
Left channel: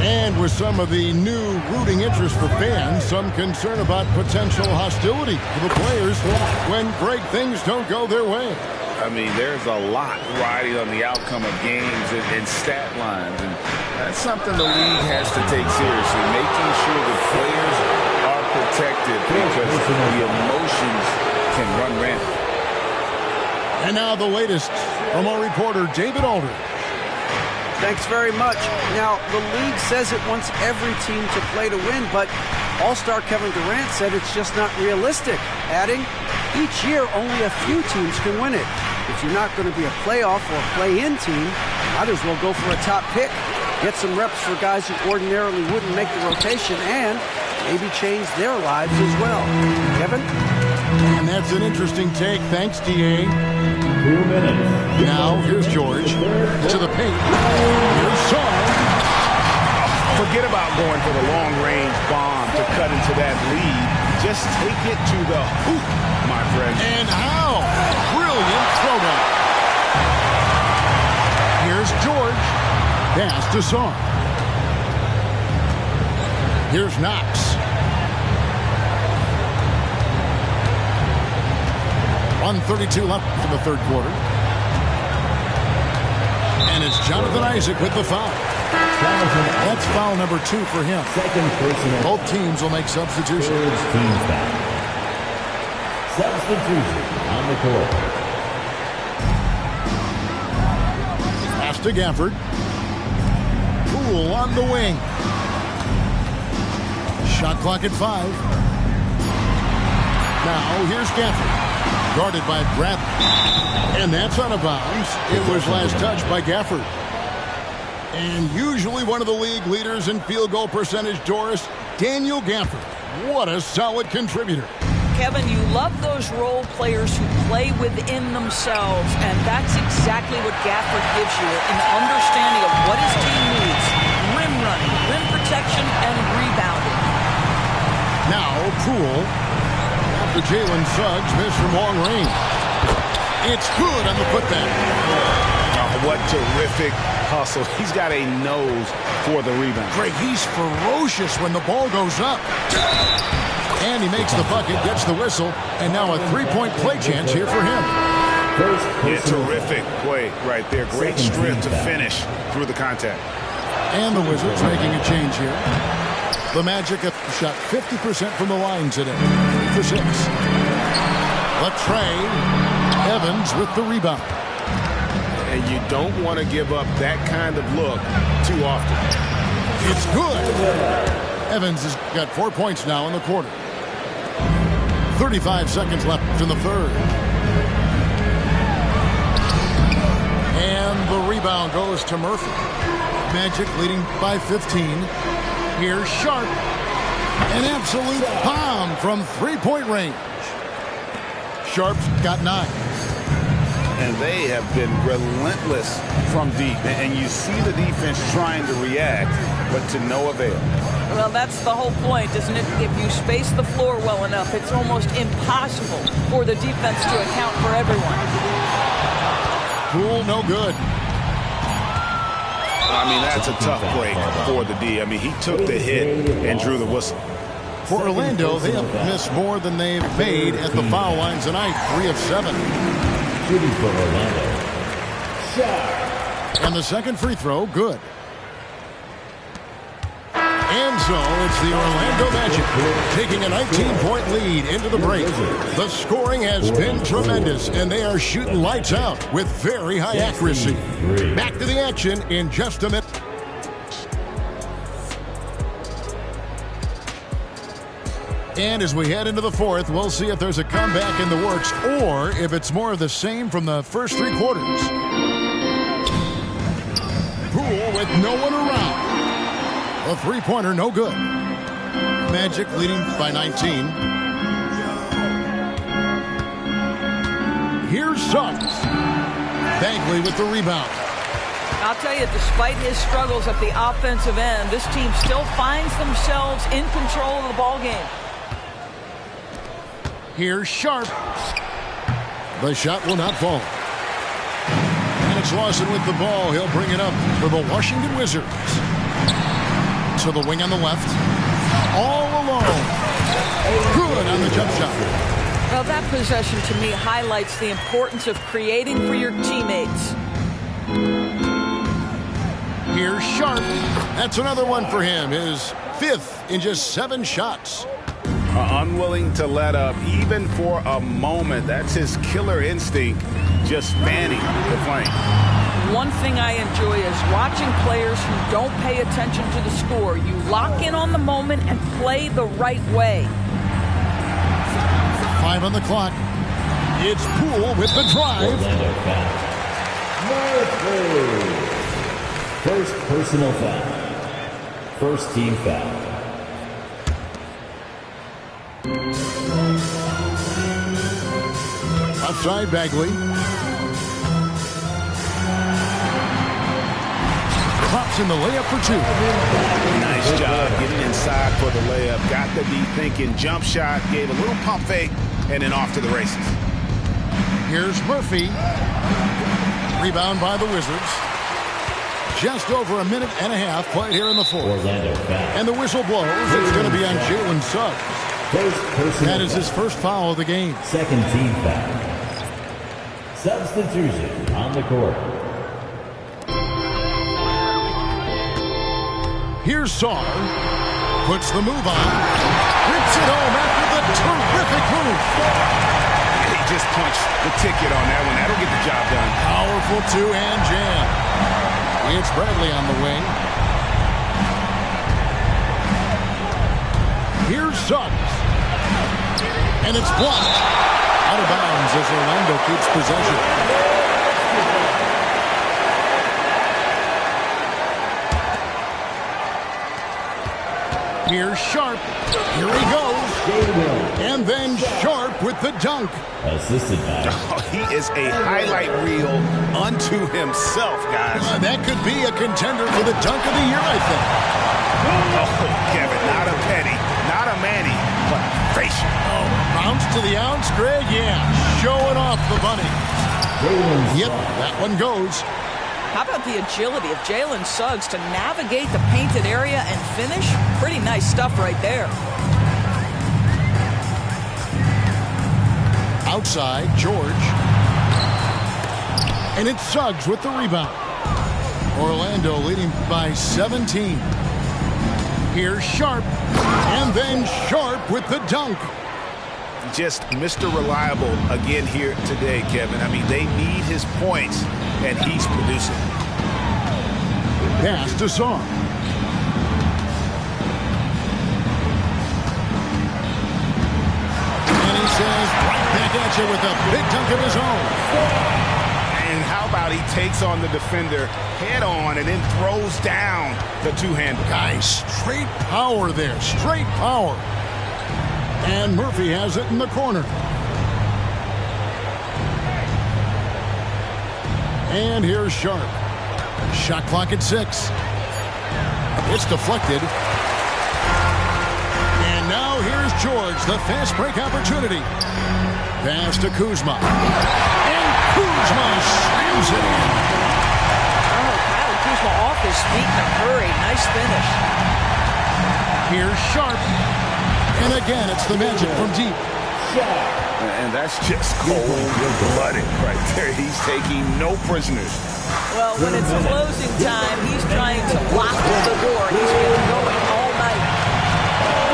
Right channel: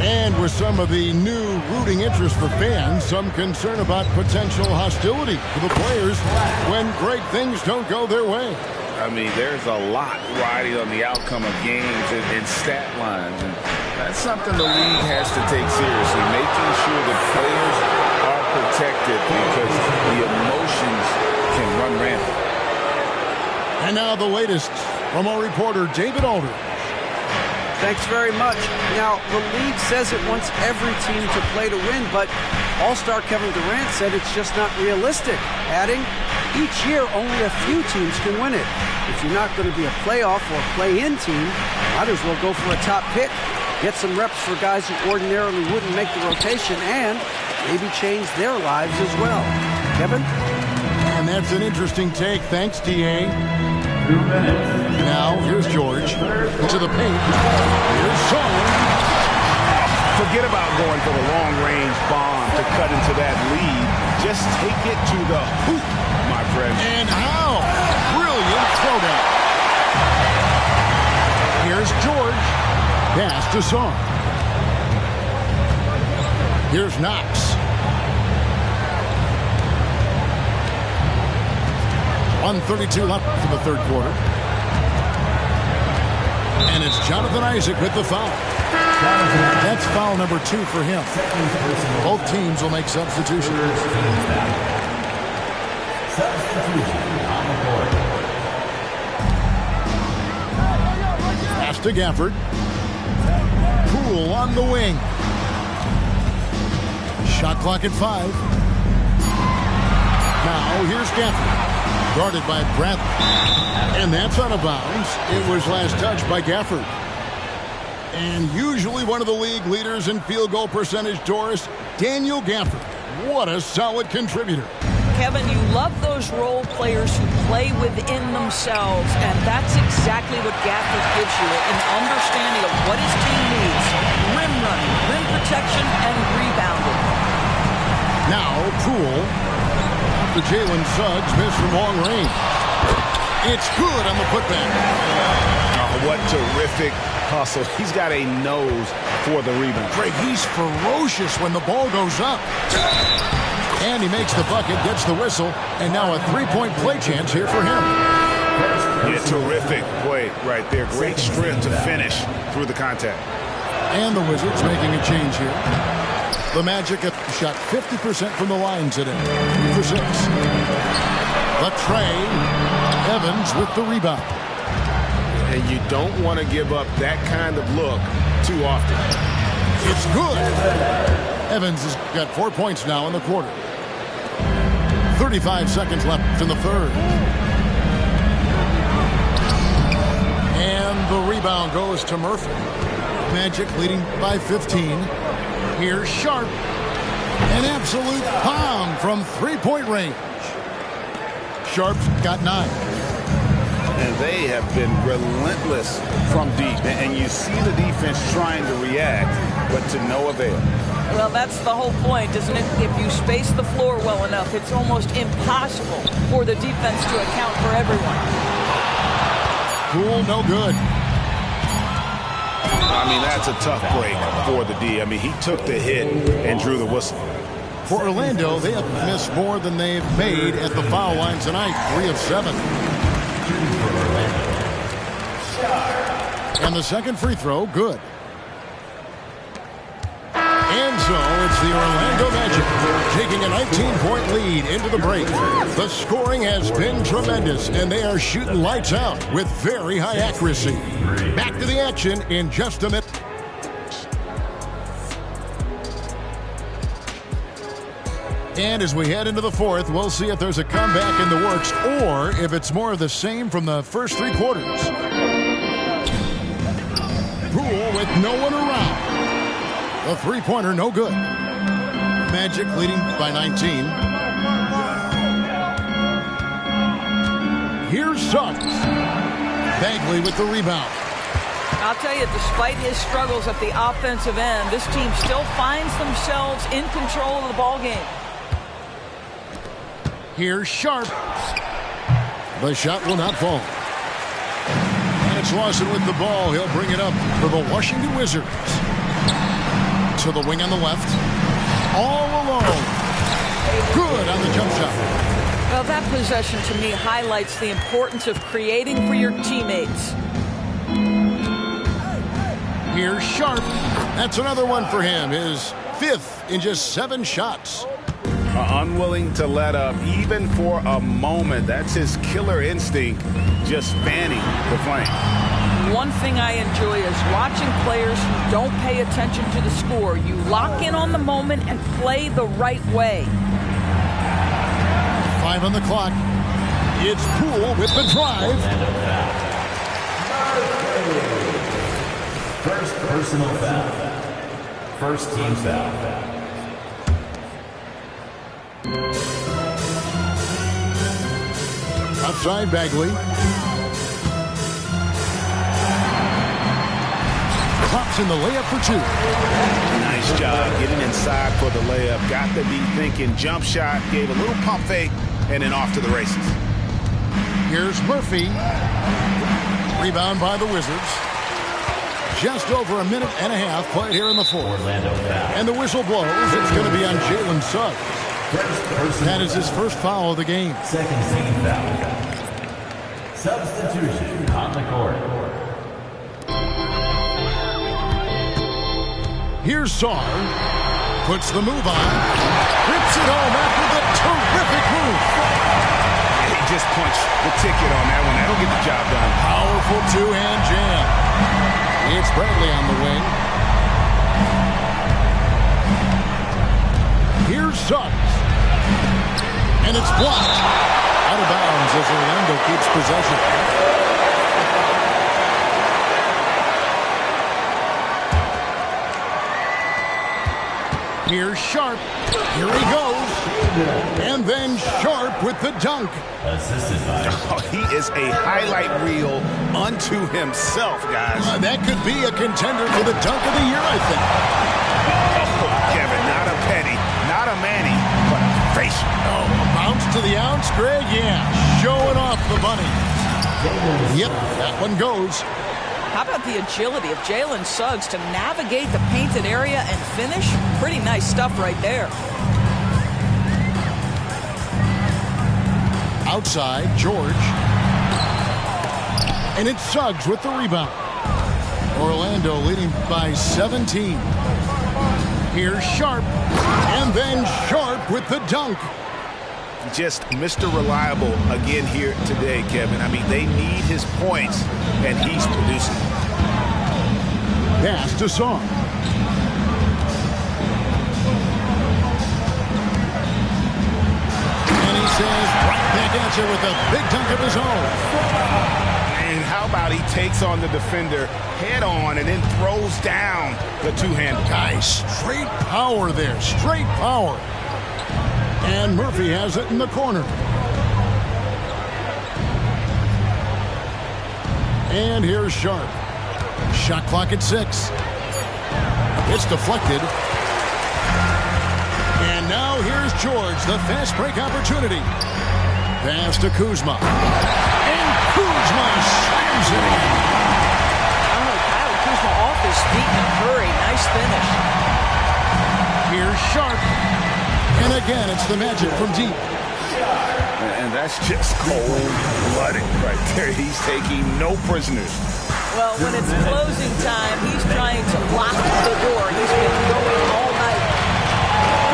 And with some of the new rooting interest for fans, some concern about potential hostility for the players when great things don't go their way. I mean, there's a lot riding on the outcome of games and stat lines, and that's something the league has to take seriously, making sure the players are protected because the emotions can run rampant. And now the latest from our reporter, David Aldridge. Thanks very much. Now, the league says it wants every team to play to win, but All-Star Kevin Durant said it's just not realistic, adding, each year only a few teams can win it. If you're not going to be a playoff or play-in team, might as well go for a top pick, get some reps for guys who ordinarily wouldn't make the rotation, and maybe change their lives as well. Kevin? And that's an interesting take. Thanks, D.A. 2 minutes. Now, here's George to the paint. Here's Song. Forget about going for the long-range bomb to cut into that lead. Just take it to the hoop, my friend. And how? Brilliant throwdown. Here's George. Pass to Song. Here's Knox. 1:32 left in the third quarter. And it's Jonathan Isaac with the foul. That's foul number 2 for him. Both teams will make substitutions. Substitution on the court. Pass to Gafford. Poole on the wing. Shot clock at 5. Now here's Gafford. Guarded by Bradley. And that's out of bounds. It was last touched by Gafford. And usually one of the league leaders in field goal percentage, Doris, Daniel Gafford. What a solid contributor. Kevin, you love those role players who play within themselves, and that's exactly what Gafford gives you, an understanding of what his team needs. Rim running, rim protection, and rebounding. Now, Poole, after Jalen Suggs missed from long range. It's good on the putback. Oh, what terrific hustle. He's got a nose for the rebound. Greg, he's ferocious when the ball goes up. And he makes the bucket, gets the whistle, and now a three-point play chance here for him. Yeah, terrific play right there. Great strength to finish through the contact. And the Wizards making a change here. The Magic have shot 50% from the line today. 3 for 6. Latrey Evans with the rebound. And you don't want to give up that kind of look too often. It's good. Evans has got 4 points now in the quarter. 35 seconds left in the third. And the rebound goes to Murphy. Magic leading by 15. Here's Sharp. An absolute bomb from three-point range. Sharp's got 9. And they have been relentless from deep. And you see the defense trying to react, but to no avail. Well, that's the whole point, isn't it? If you space the floor well enough, it's almost impossible for the defense to account for everyone. Poole, no good. I mean, that's a tough break for the D. I mean, he took the hit and drew the whistle. For Orlando, they have missed more than they've made at the foul line tonight. 3 of 7. Shooting for Orlando. And the second free throw, good. And so it's the Orlando Magic taking a 19-point lead into the break. The scoring has been tremendous, and they are shooting lights out with very high accuracy. Back to the action in just a minute. And as we head into the fourth, we'll see if there's a comeback in the works or if it's more of the same from the first 3 quarters. Poole with no one around. A three-pointer, no good. Magic leading by 19. Here's Suggs. Bagley with the rebound. I'll tell you, despite his struggles at the offensive end, this team still finds themselves in control of the ball game. Here's Sharp. The shot will not fall. And it's Lawson with the ball. He'll bring it up for the Washington Wizards. To the wing on the left. All alone. Good on the jump shot. Well, that possession to me highlights the importance of creating for your teammates. Here's Sharp. That's another one for him. His 5th in just 7 shots. Unwilling to let up even for a moment. That's his killer instinct, just fanning the flame. One thing I enjoy is watching players who don't pay attention to the score. You lock in on the moment and play the right way. 5 on the clock. It's Poole with the drive. First personal foul. First team foul. Outside Bagley. Drops in the layup for 2. Nice job getting inside for the layup. Got to be thinking jump shot, gave a little pump fake, and then off to the races. Here's Murphy. Rebound by the Wizards. Just over a minute and a half played here in the fourth. Orlando foul. And the whistle blows. It's going to be on Jalen Suggs. That is his first foul of the game. Second team foul. Substitution on the court. Here's Sarr. Puts the move on. Rips it home after the terrific move. He just punched the ticket on that one. That'll get the job done. Powerful two-hand jam. It's Bradley on the wing. Here's Suggs. And it's blocked. Out of bounds as Orlando keeps possession. Here's Sharp. Here he goes. And then Sharp with the dunk. Assisted by. Oh, he is a highlight reel unto himself, guys. That could be a contender for the dunk of the year, I think. Oh, Kevin, not a Petty, not a Manny, but a facial. Oh, a bounce to the ounce, Greg? Yeah, showing off the bunny. Yep, that one goes. How about the agility of Jalen Suggs to navigate the painted area and finish? Pretty nice stuff right there. Outside, George. And it's Suggs with the rebound. Orlando leading by 17. Here's Sharp. And then Sharp with the dunk. Just Mr. Reliable again here today, Kevin. I mean, they need his points, and he's producing. Pass to Sarr. And he says right back at you with a big dunk of his own. And how about he takes on the defender head on and then throws down the two-hander. Guys, straight power there. Straight power. And Murphy has it in the corner. And here's Sharp. Shot clock at 6. It's deflected. And now here's George, the fast break opportunity. Pass to Kuzma. And Kuzma slams it in. Oh, Kyle Kuzma off his feet in a hurry. Nice finish. Here's Sharp. And again, it's the Magic from deep. And that's just cold-blooded right there. He's taking no prisoners. Well, when it's closing time, he's trying to lock the door. He's been going all night.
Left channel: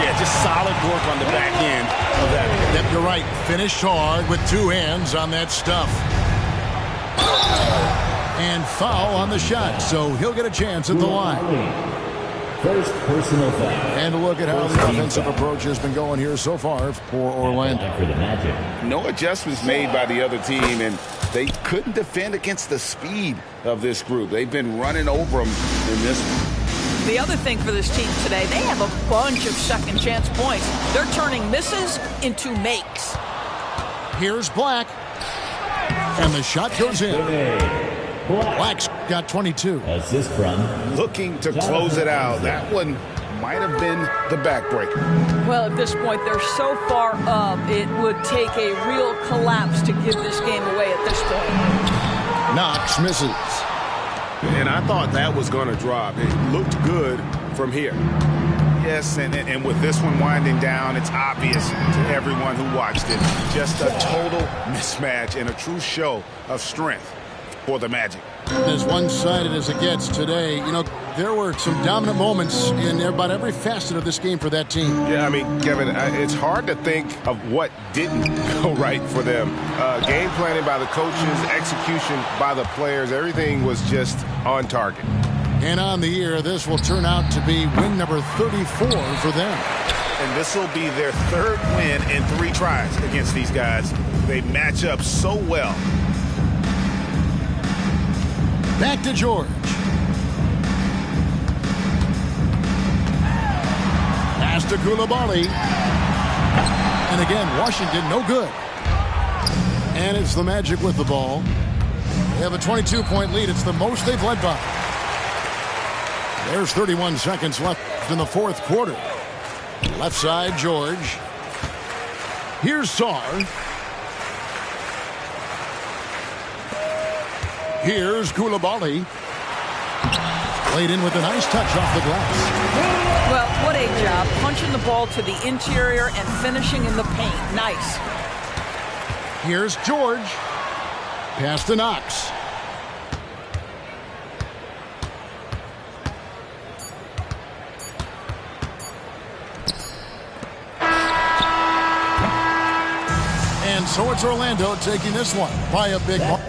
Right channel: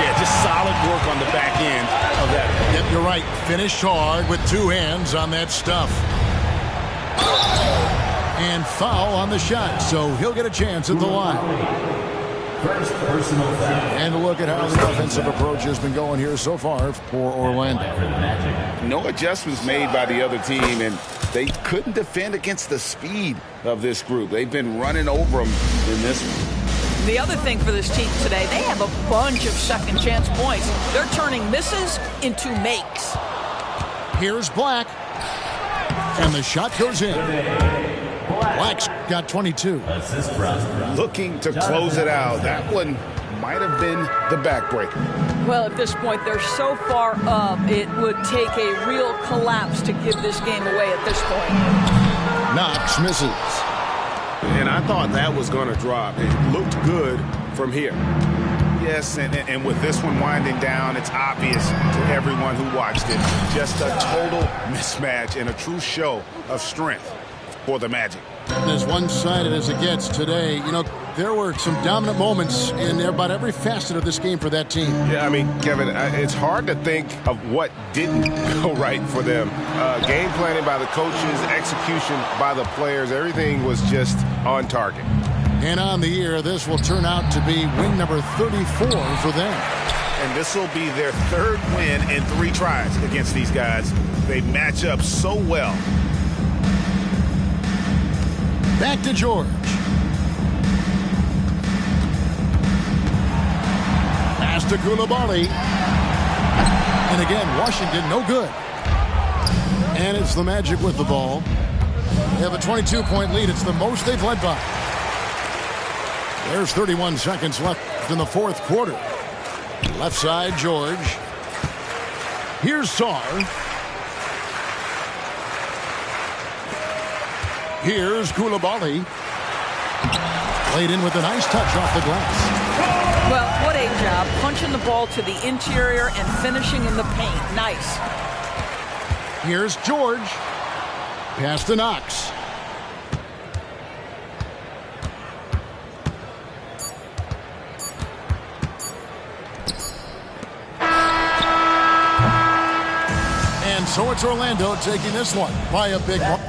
Yeah, just solid work on the back end of that. Yep, you're right. Finished hard with 2 hands on that stuff. And foul on the shot, so he'll get a chance at the line. First personal foul. And look at how the offensive approach has been going here so far for Orlando. For the Magic. No adjustments made by the other team, and they couldn't defend against the speed of this group. They've been running over them in this one. The other thing for this team today, they have a bunch of second chance points. They're turning misses into makes. Here's Black. And the shot goes in. Black's got 22. Assist from. Looking to close it out. That one might have been the backbreaker. Well, at this point, they're so far up, it would take a real collapse to give this game away at this point. Knox misses. And I thought that was going to drop. It looked good from here. Yes, and with this one winding down, it's obvious to everyone who watched it. Just a total mismatch and a true show of strength for the Magic. As one-sided as it gets today, you know, there were some dominant moments in about every facet of this game for that team. Yeah, I mean, Kevin, it's hard to think of what didn't go right for them. Game planning by the coaches, execution by the players, everything was just on target. And on the year, this will turn out to be win number 34 for them. And this will be their 3rd win in 3 tries against these guys. They match up so well. Back to George. Pass to Coulibaly. And again, Washington no good. And it's the Magic with the ball. They have a 22-point lead. It's the most they've led by. There's 31 seconds left in the 4th quarter. Left side, George. Here's Sarr. Here's Coulibaly. Played in with a nice touch off the glass. Well, what a job. Punching the ball to the interior and finishing in the paint. Nice. Here's George. Pass to Knox. And so it's Orlando taking this one by a big mark.